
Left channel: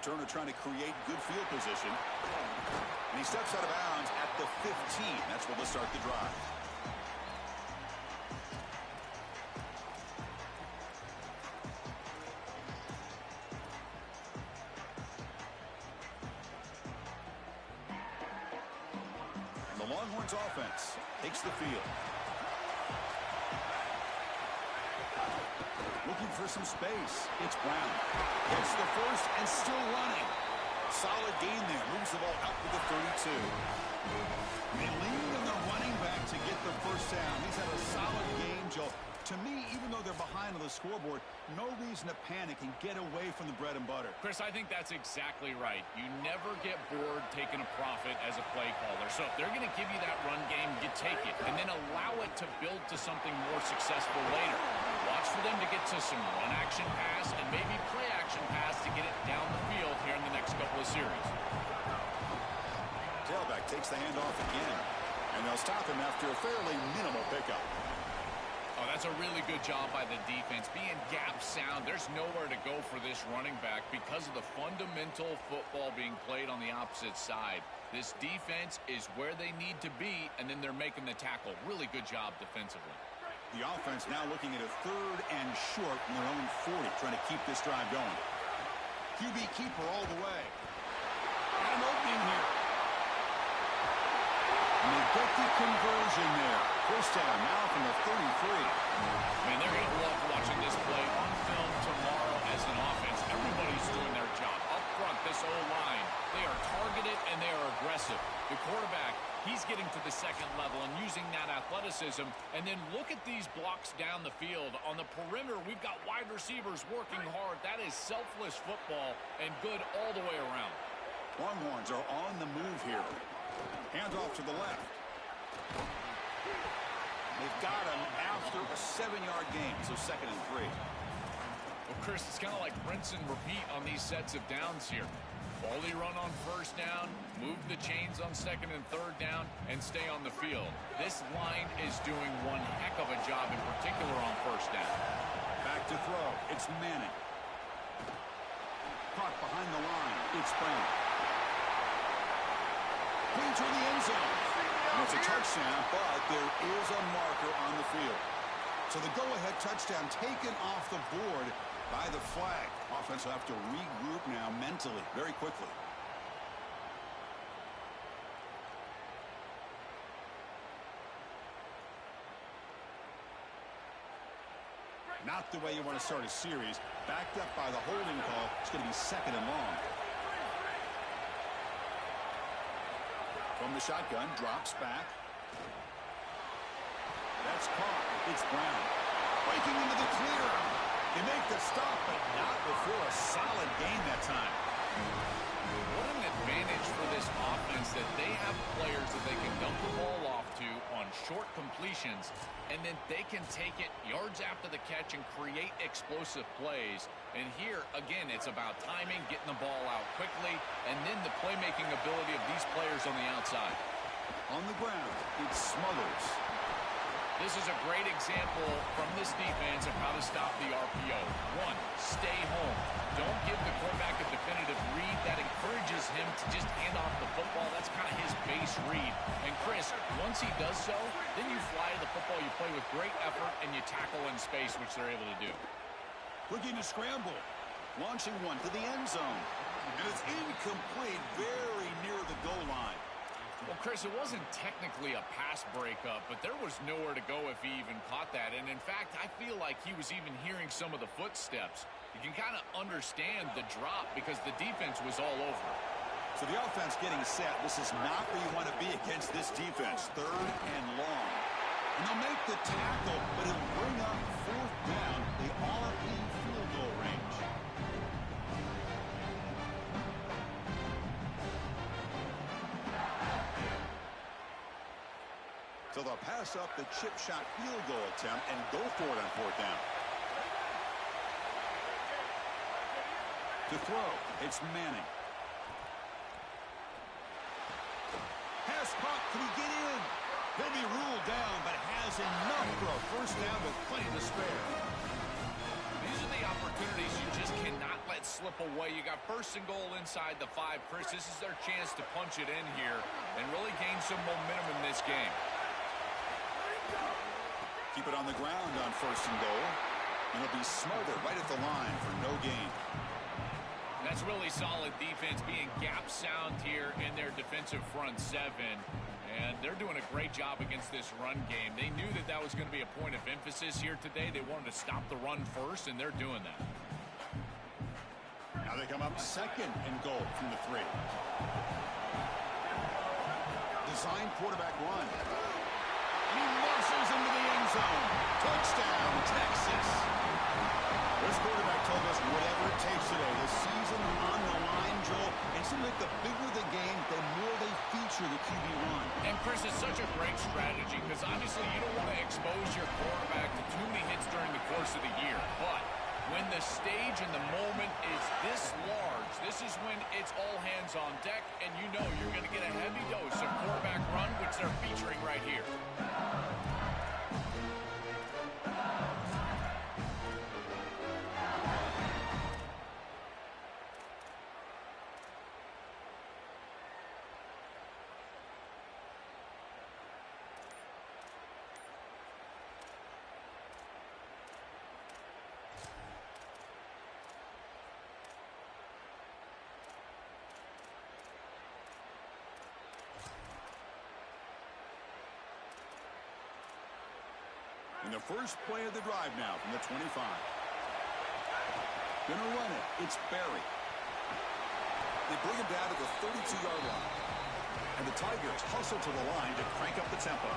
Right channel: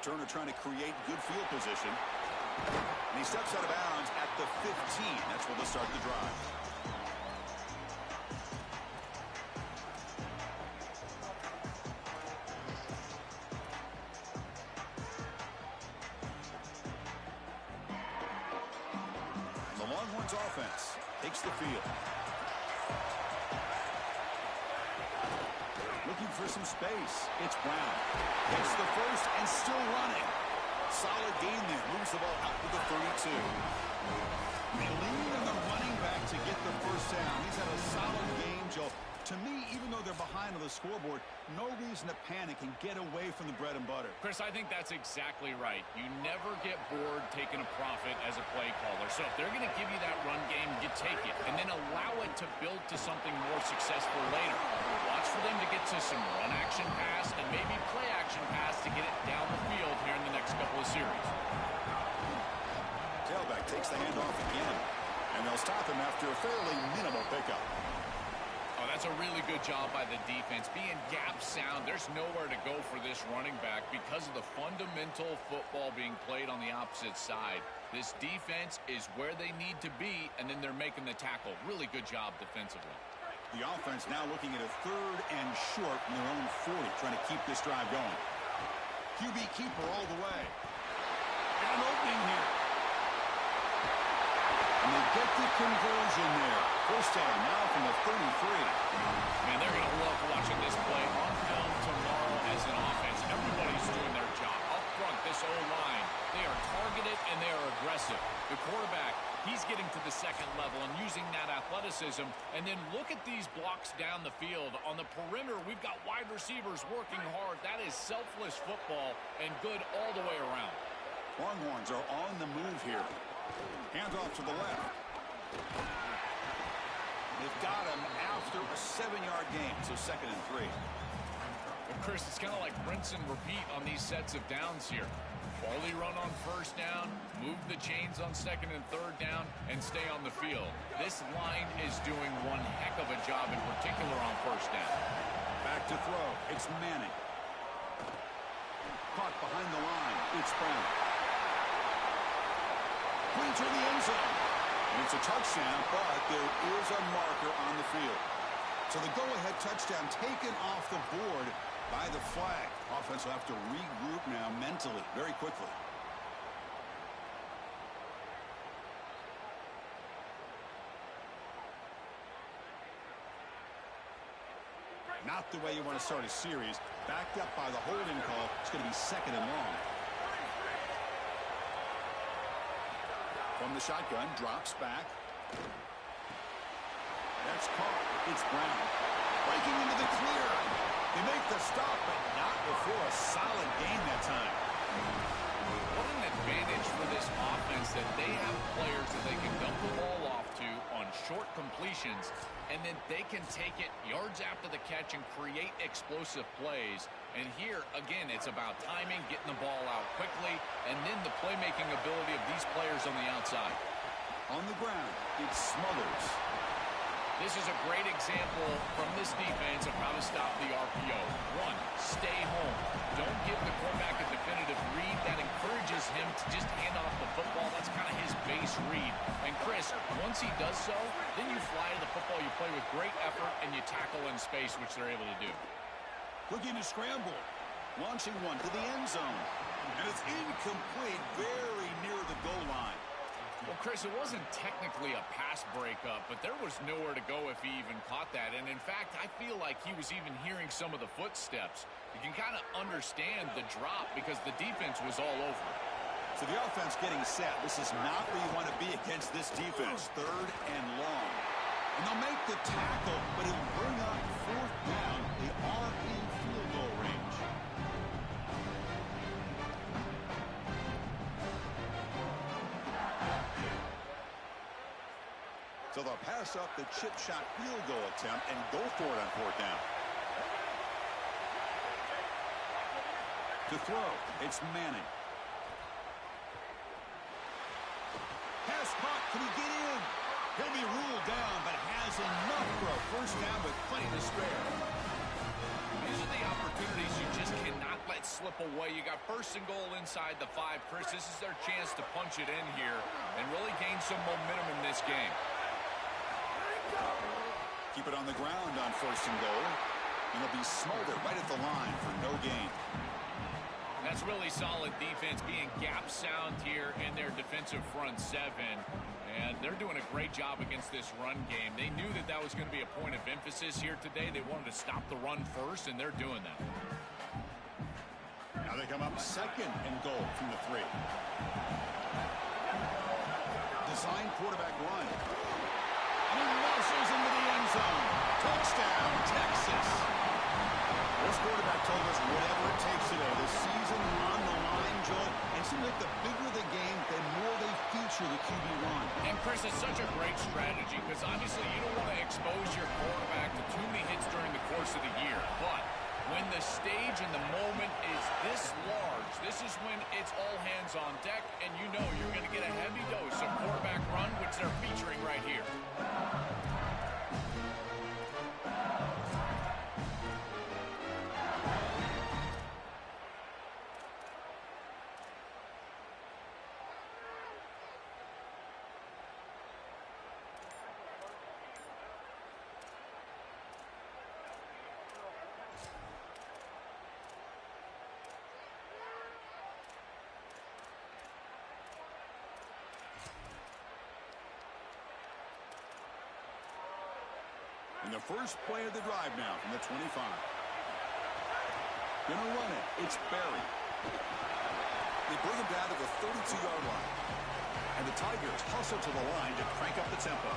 Turner trying to create good field position. And he steps out of bounds at the 15. That's where they'll start the drive. And the Longhorns offense takes the field. Looking for some space. It's Brown. Hits the first and still running. Solid gain there. Moves the ball out to the 32. They lean on the running back to get the first down. He's had a solid game, Joe. To me, even though they're behind on the scoreboard, no reason to panic and get away from the bread and butter. Chris, I think that's exactly right. You never get bored taking a profit as a play caller. So if they're going to give you that run game, you take it. And then allow it to build to something more successful later. Watch for them to get to some run action pass and maybe play action pass to get it down the field here in the next couple of series. Tailback takes the handoff again. And they'll stop him after a fairly minimal pickup. Oh, that's a really good job by the defense. Being gap sound, there's nowhere to go for this running back because of the fundamental football being played on the opposite side. This defense is where they need to be, and then they're making the tackle. Really good job defensively. The offense now looking at a 3rd and short from their own 40, trying to keep this drive going. QB keeper all the way. And an opening here. And they get the conversion there. First down now from the 33. Man, they're going to love watching this play on film tomorrow as an offense. Everybody's doing their job. Up front, this O-line, they are targeted and they are aggressive. The quarterback, he's getting to the second level and using that athleticism. And then look at these blocks down the field. On the perimeter, we've got wide receivers working hard. That is selfless football and good all the way around. Longhorns are on the move here. Hands off to the left. They've got him after a 7-yard gain, so 2nd and 3. Well, Chris, it's kind of like rinse and repeat on these sets of downs here. Quality run on first down, move the chains on 2nd and 3rd down, and stay on the field. This line is doing one heck of a job, in particular on first down. Back to throw. It's Manning. Caught behind the line. It's Brown. Clean to the end zone. And it's a touchdown, but there is a marker on the field. So the go-ahead touchdown taken off the board by the flag. Offense will have to regroup now mentally very quickly. Not the way you want to start a series. Backed up by the holding call. It's going to be 2nd and long. From the shotgun, drops back. That's caught. It's Brown. Breaking into the clear. They make the stop, but not before a solid gain that time. What an advantage for this offense that they have players that they can dump the ball off to on short completions, and then they can take it yards after the catch and create explosive plays. And here, again, it's about timing, getting the ball out quickly, and then the playmaking ability of these players on the outside. On the ground, it's Smothers. This is a great example from this defense of how to stop the RPO. 1, stay home. Don't give the quarterback a definitive read. That encourages him to just hand off the football. That's kind of his base read. And Chris, once he does so, then you fly to the football. You play with great effort, and you tackle in space, which they're able to do. Looking to scramble. Launching one to the end zone. And it's incomplete, very near the goal line. Well, Chris, it wasn't technically a pass breakup, but there was nowhere to go if he even caught that. And in fact, I feel like he was even hearing some of the footsteps. You can kind of understand the drop because the defense was all over. So the offense getting set. This is not where you want to be against this defense. 3rd and long. And they'll make the tackle, but it'll bring up 4th down. They are in field goal range. So they'll pass up the chip shot field goal attempt and go for it on 4th down. To throw, it's Manning. Pass caught, can he get in? He'll be ruled down, but has enough for a 1st down with plenty to spare. These are the opportunities you just cannot let slip away. You got 1st and goal inside the 5. Chris, this is their chance to punch it in here and really gain some momentum in this game. Keep it on the ground on 1st and goal. And it'll be smothered right at the line for no gain. That's really solid defense, being gap sound here in their defensive front 7. And they're doing a great job against this run game. They knew that that was going to be a point of emphasis here today. They wanted to stop the run first, and they're doing that. Now they come up 2nd and goal from the 3. Design quarterback run. And he muscles into the end zone. Touchdown, Texas. This quarterback told us whatever it takes today. The season on the line, Joel. And it seems like the bigger the game, the more they feature the QB run. And, Chris, it's such a great strategy because obviously you don't want to expose your quarterback to too many hits during the course of the year. But when the stage and the moment is this large, this is when it's all hands on deck, and you know you're going to get a heavy dose of quarterback run, which they're featuring right here. In the first play of the drive now from the 25. Gonna run it. It's Barry. They bring him down to the 32-yard line. And the Tigers hustle to the line to crank up the tempo.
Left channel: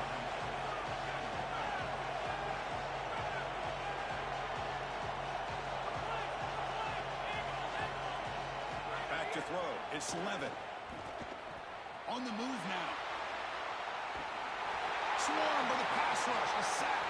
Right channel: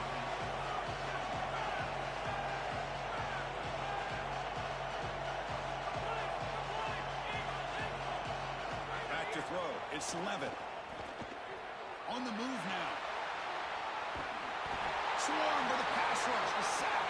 Back to throw. It's Levitt. On the move now. Swarmed by the pass rush. A sack.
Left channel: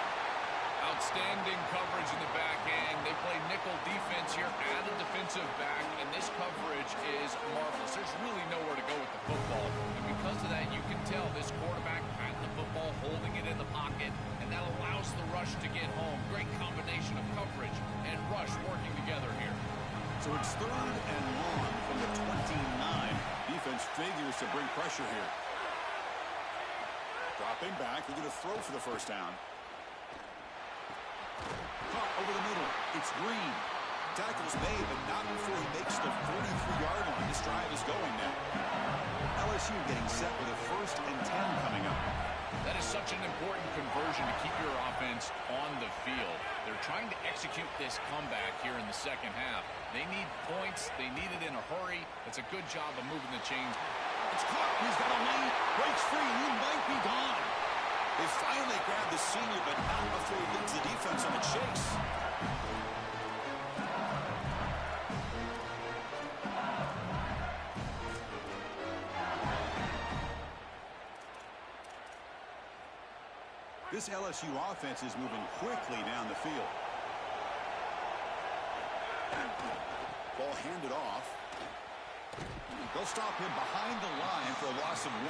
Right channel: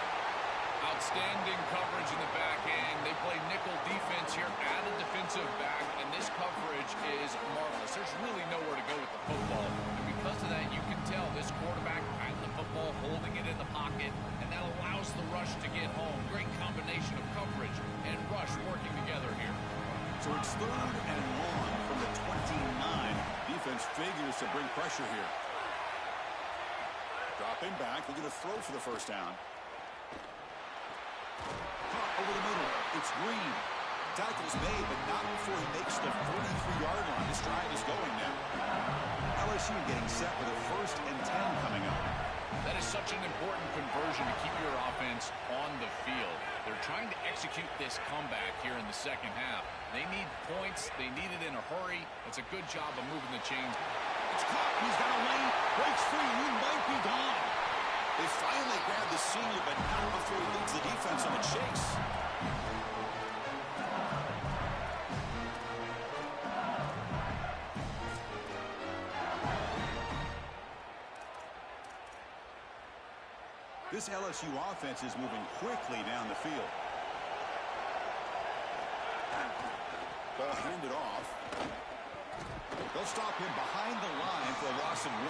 Outstanding coverage in the back end. They play nickel defense here, add a defensive back, and this coverage is marvelous. There's really nowhere to go with the football. And because of that, you can tell this quarterback patting the football, holding it in the pocket, and that allows the rush to get home. Great combination of coverage and rush working together here. So it's 3rd and long from the 29. Defense figures to bring pressure here. Dropping back. They're going to throw for the 1st down. Caught over the middle. It's Green. Tackle's made, but not before he makes the 43-yard line. This drive is going now. LSU getting set with a 1st and 10 coming up. That is such an important conversion to keep your offense on the field. They're trying to execute this comeback here in the second half. They need points. They need it in a hurry. It's a good job of moving the chains. It's caught, and he's got a lane. Breaks free, and he might be gone. They finally grab the senior, but not before he leads the defense on a chase. This LSU offense is moving quickly down the field. Ball handed off. They'll stop him behind the line for a loss of 1.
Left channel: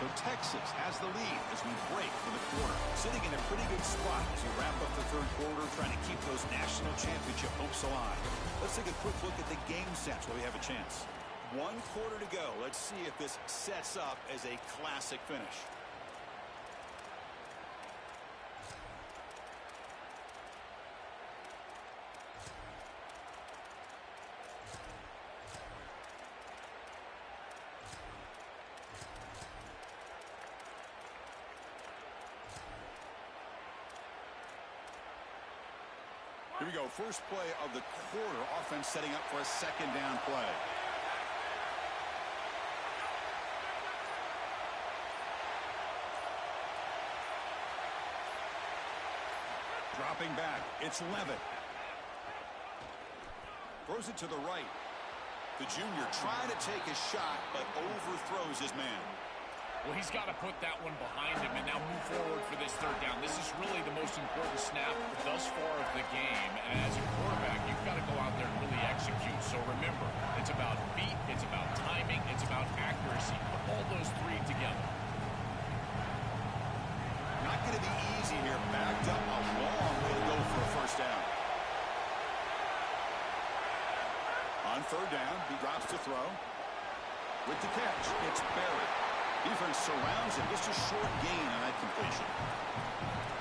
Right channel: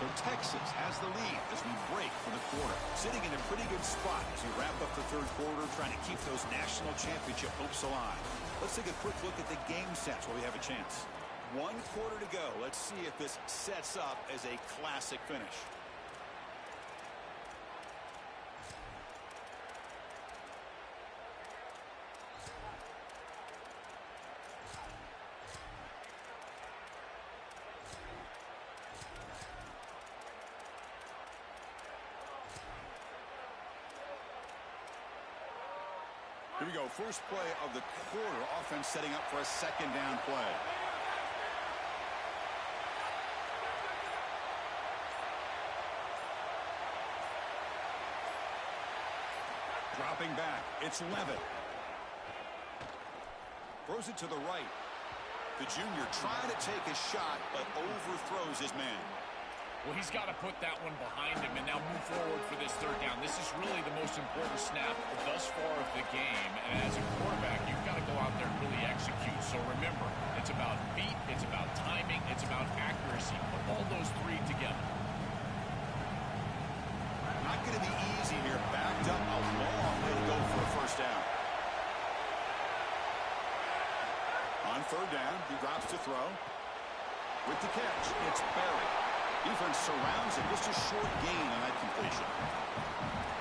So Texas has the lead as we break for the quarter. Sitting in a pretty good spot as we wrap up the 3rd quarter, trying to keep those national championship hopes alive. Let's take a quick look at the game sets while we have a chance. 1 quarter to go. Let's see if this sets up as a classic finish. Here we go. First play of the quarter. Offense setting up for a second down play. Dropping back. It's Levitt. Throws it to the right. The junior trying to take a shot, but overthrows his man. Well, he's got to put that one behind him and now move forward for this third down. This is really the most important snap thus far of the game. And as a quarterback, you've got to go out there and really execute. So remember, it's about feet, it's about timing, it's about accuracy. Put all those three together. Not going to be easy here. Backed up a long way to go for a first down. On third down, he drops to throw. With the catch, it's buried. Defense surrounds him. Just a short gain on that completion.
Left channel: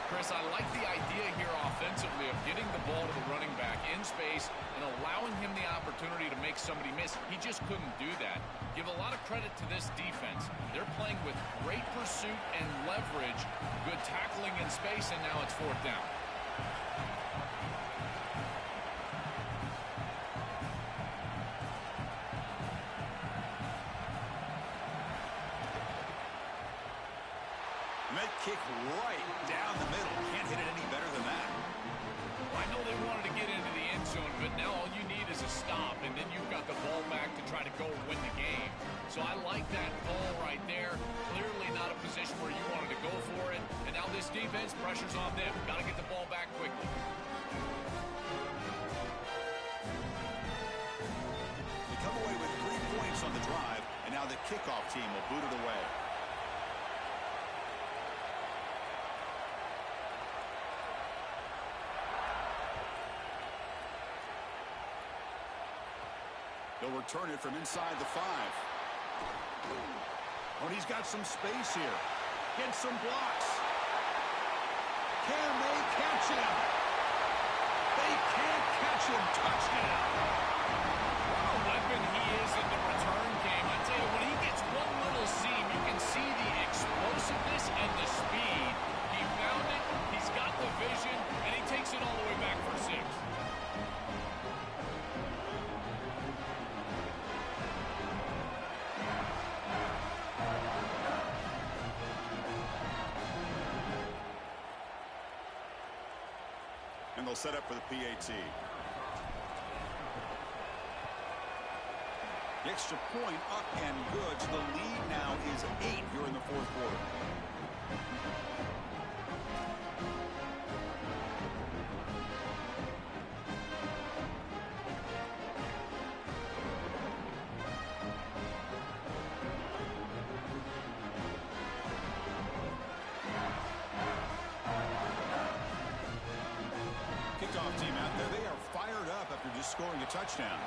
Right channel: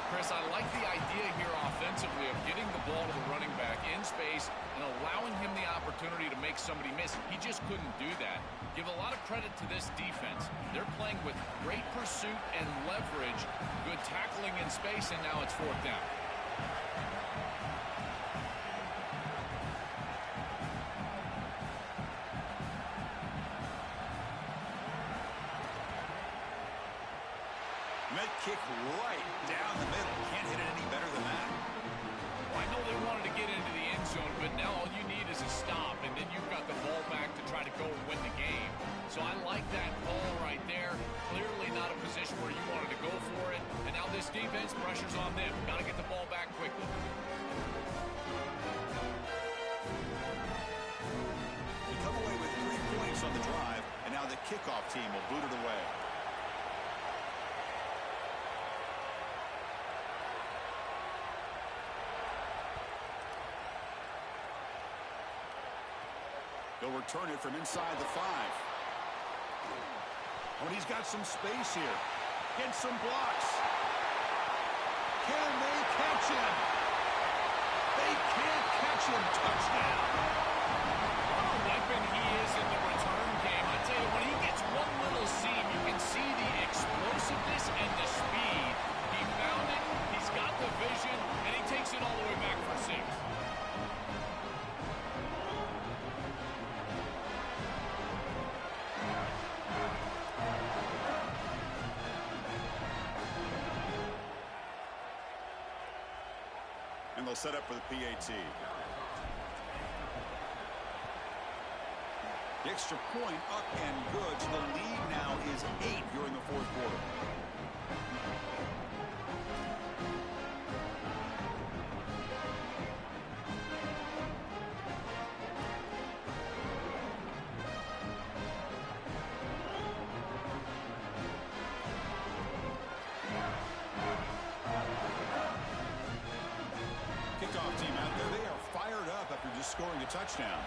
Chris, I like the idea here offensively of getting the ball to the running back in space and allowing him the opportunity to make somebody miss. He just couldn't do that. Give a lot of credit to this defense. They're playing with great pursuit and leverage, good tackling in space, and now it's fourth down. That kick right down the middle. Can't hit it any better than that. Well, I know they wanted to get into the end zone, but now all you need is a stop, and then you've got the ball back to try to go and win the game. So I like that call right there. Clearly not a position where you wanted to go for it. And now this defense, pressure's on them. Got to get the ball back quickly. They come away with 3 points on the drive, and now the kickoff team will boot it away. They'll return it from inside the 5. Oh, and he's got some space here. Gets some blocks. Can they catch him? They can't catch him. Touchdown. What a weapon he is in the return game. I tell you, when he gets one little seam, you can see the explosiveness and the speed. He found it, he's got the vision, and he takes it all the way back for 6. And they'll set up for the PAT. The extra point up and good. So the lead now is 8 here in the fourth quarter. Kickoff team out there. They are fired up after just scoring a touchdown.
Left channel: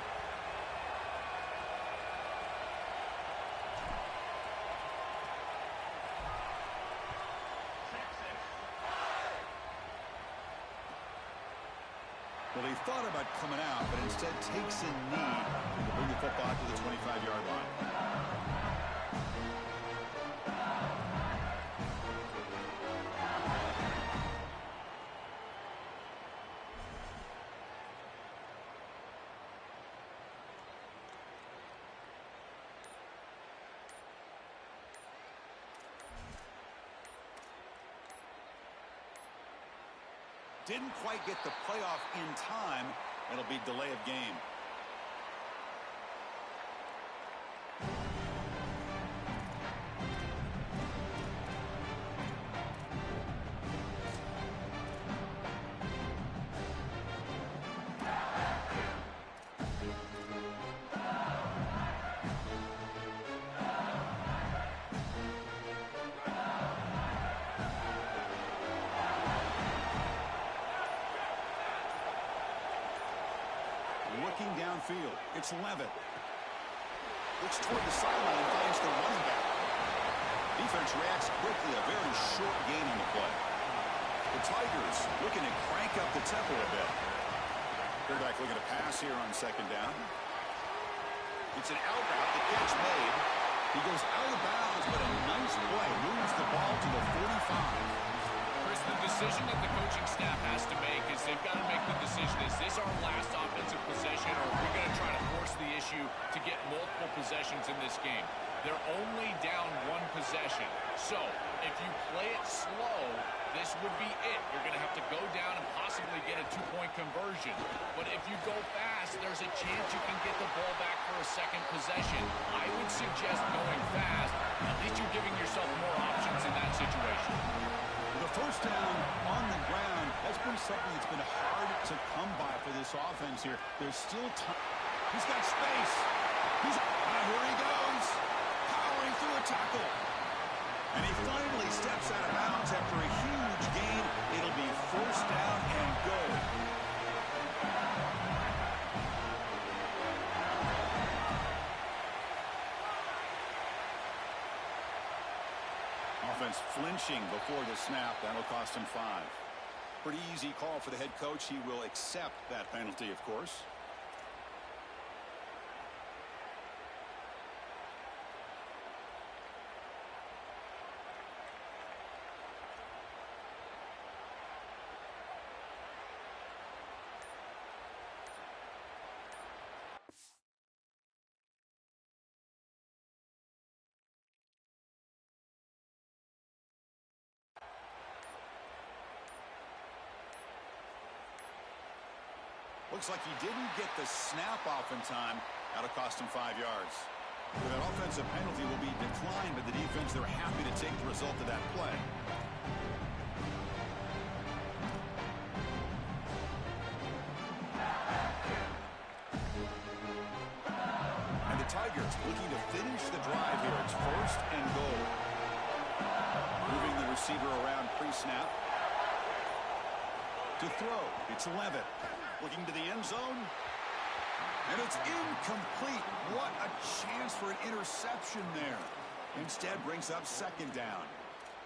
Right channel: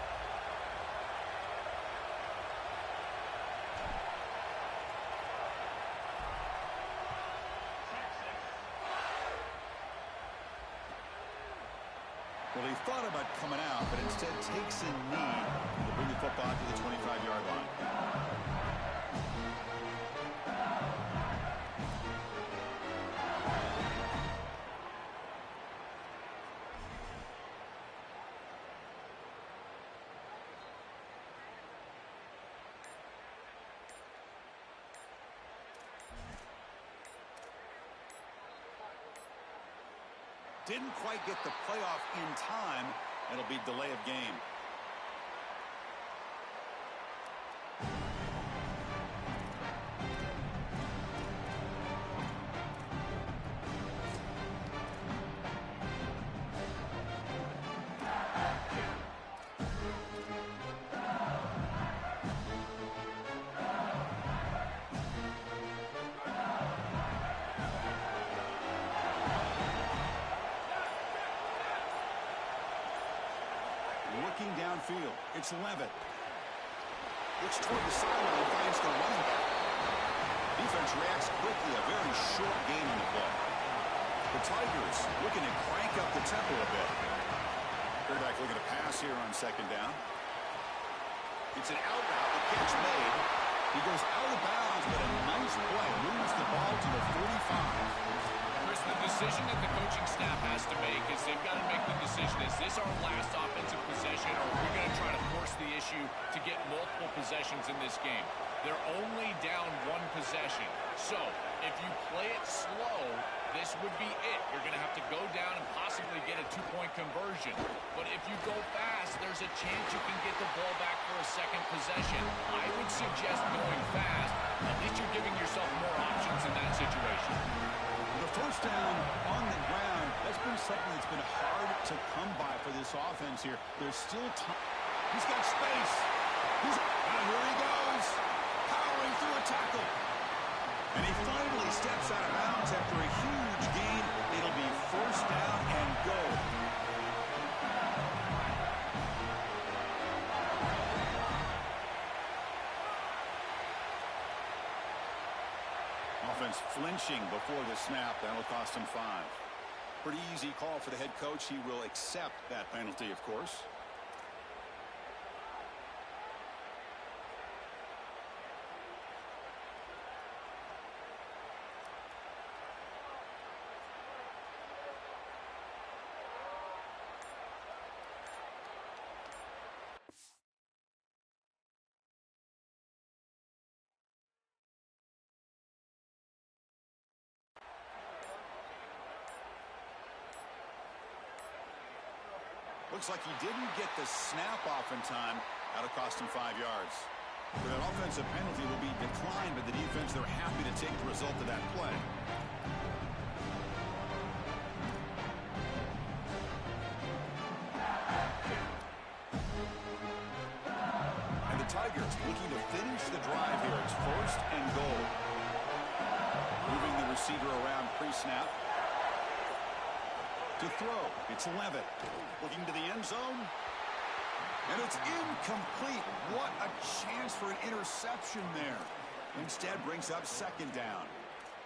Well, he thought about coming out, but instead takes a knee to bring the football to the 25-yard line. Didn't quite get the playoff in time. It'll be delay of game. Looking downfield, it's Levitt. Looks toward the sideline and finds the running back. Defense reacts quickly, a very short gain on the play. The Tigers looking to crank up the tempo a bit. Quarterback looking to pass here on second down. It's an out route, the catch made. He goes out of bounds, but a nice play. Moves the ball to the 45. Chris, the decision that the coaching staff has to make is they've got to make the decision as this our last offensive possession, or are we going to try to force the issue to get multiple possessions in this game? They're only down one possession. So if you play it slow, this would be it. You're going to have to go down and possibly get a two-point conversion. But if you go fast, there's a chance you can get the ball back for a second possession. I would suggest going fast. At least you're giving yourself more options in that situation. The first down on the ground, that's been something that's been hard to come by for this offense here. There's still time. He's got space. Here he goes. Powering through a tackle. And he finally steps out of bounds after a huge gain. It'll be first down and goal. Offense flinching before the snap. That'll cost him 5. Pretty easy call for the head coach. He will accept that penalty, of course. Looks like he didn't get the snap off in time. That'll cost him 5 yards. That offensive penalty will be declined by the defense. They're happy to take the result of that play. And the Tigers looking to finish the drive here. It's first and goal. Moving the receiver around pre-snap. To throw, it's Levitt. Looking to the end zone. And it's incomplete. What a chance for an interception there. Instead brings up second down.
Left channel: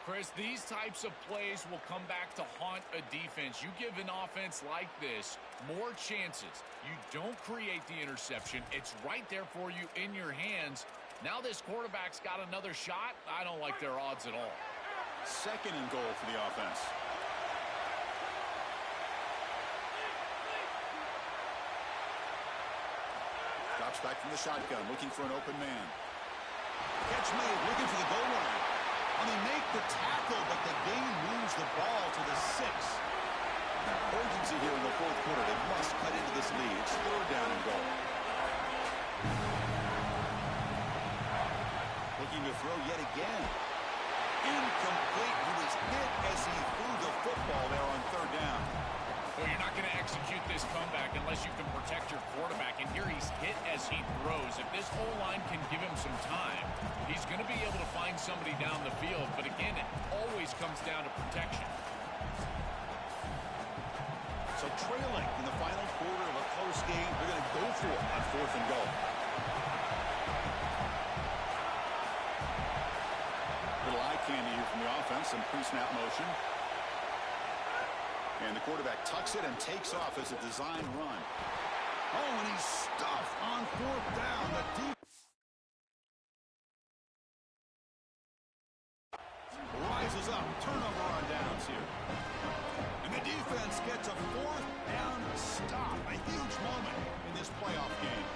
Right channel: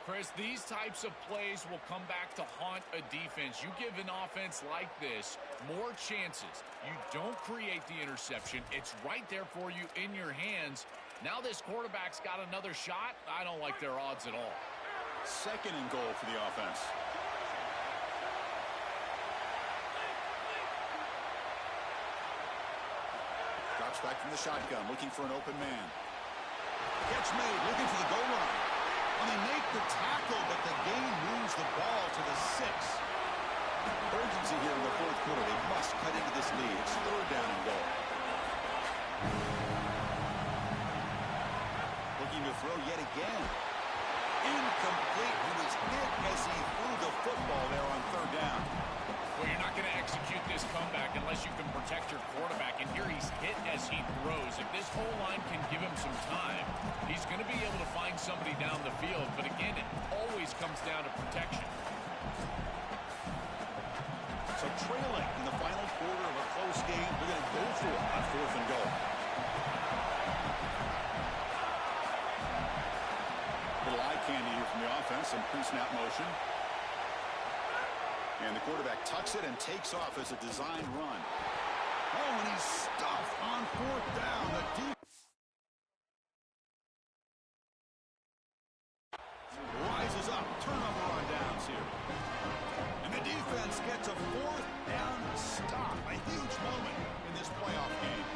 Chris, these types of plays will come back to haunt a defense. You give an offense like this more chances. You don't create the interception. It's right there for you in your hands. Now this quarterback's got another shot. I don't like their odds at all. Second and goal for the offense. Drops back from the shotgun, looking for an open man. Catch made, looking for the goal line. And they make the tackle, but the game moves the ball to the 6. Urgency here in the fourth quarter. They must cut into this lead. It's third down and goal. Looking to throw yet again. Incomplete. He was hit as he threw the football there on third down. Well, you're not going to execute this comeback unless you can protect your quarterback. And here he's hit as he throws. If this O-line can give him some time, he's going to be able to find somebody down the field. But again, it always comes down to protection. So trailing in the final quarter of a close game, they're going to go for it on fourth and goal. Little eye candy here from the offense, some pre-snap motion. And the quarterback tucks it and takes off as a design run. Oh, and he's stuffed on fourth down. The deep rises up. Turnover on downs here. And the defense gets a fourth down stop. A huge moment in this playoff game.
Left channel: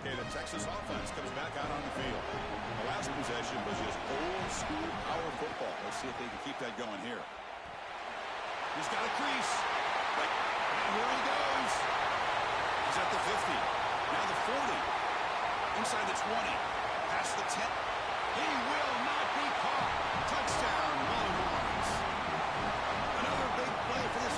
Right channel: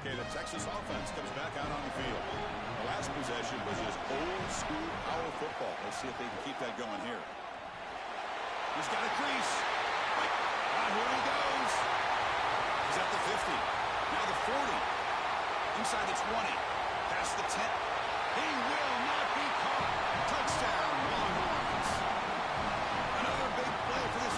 Okay, the Texas offense comes back out on the field. The last possession was just old school power football. Let's see if they can keep that going here. He's got a crease. Right. Here he goes. He's at the 50. Now the 40. Inside the 20. Past the 10. He will not be caught. Touchdown, Longhorns. Another big play for this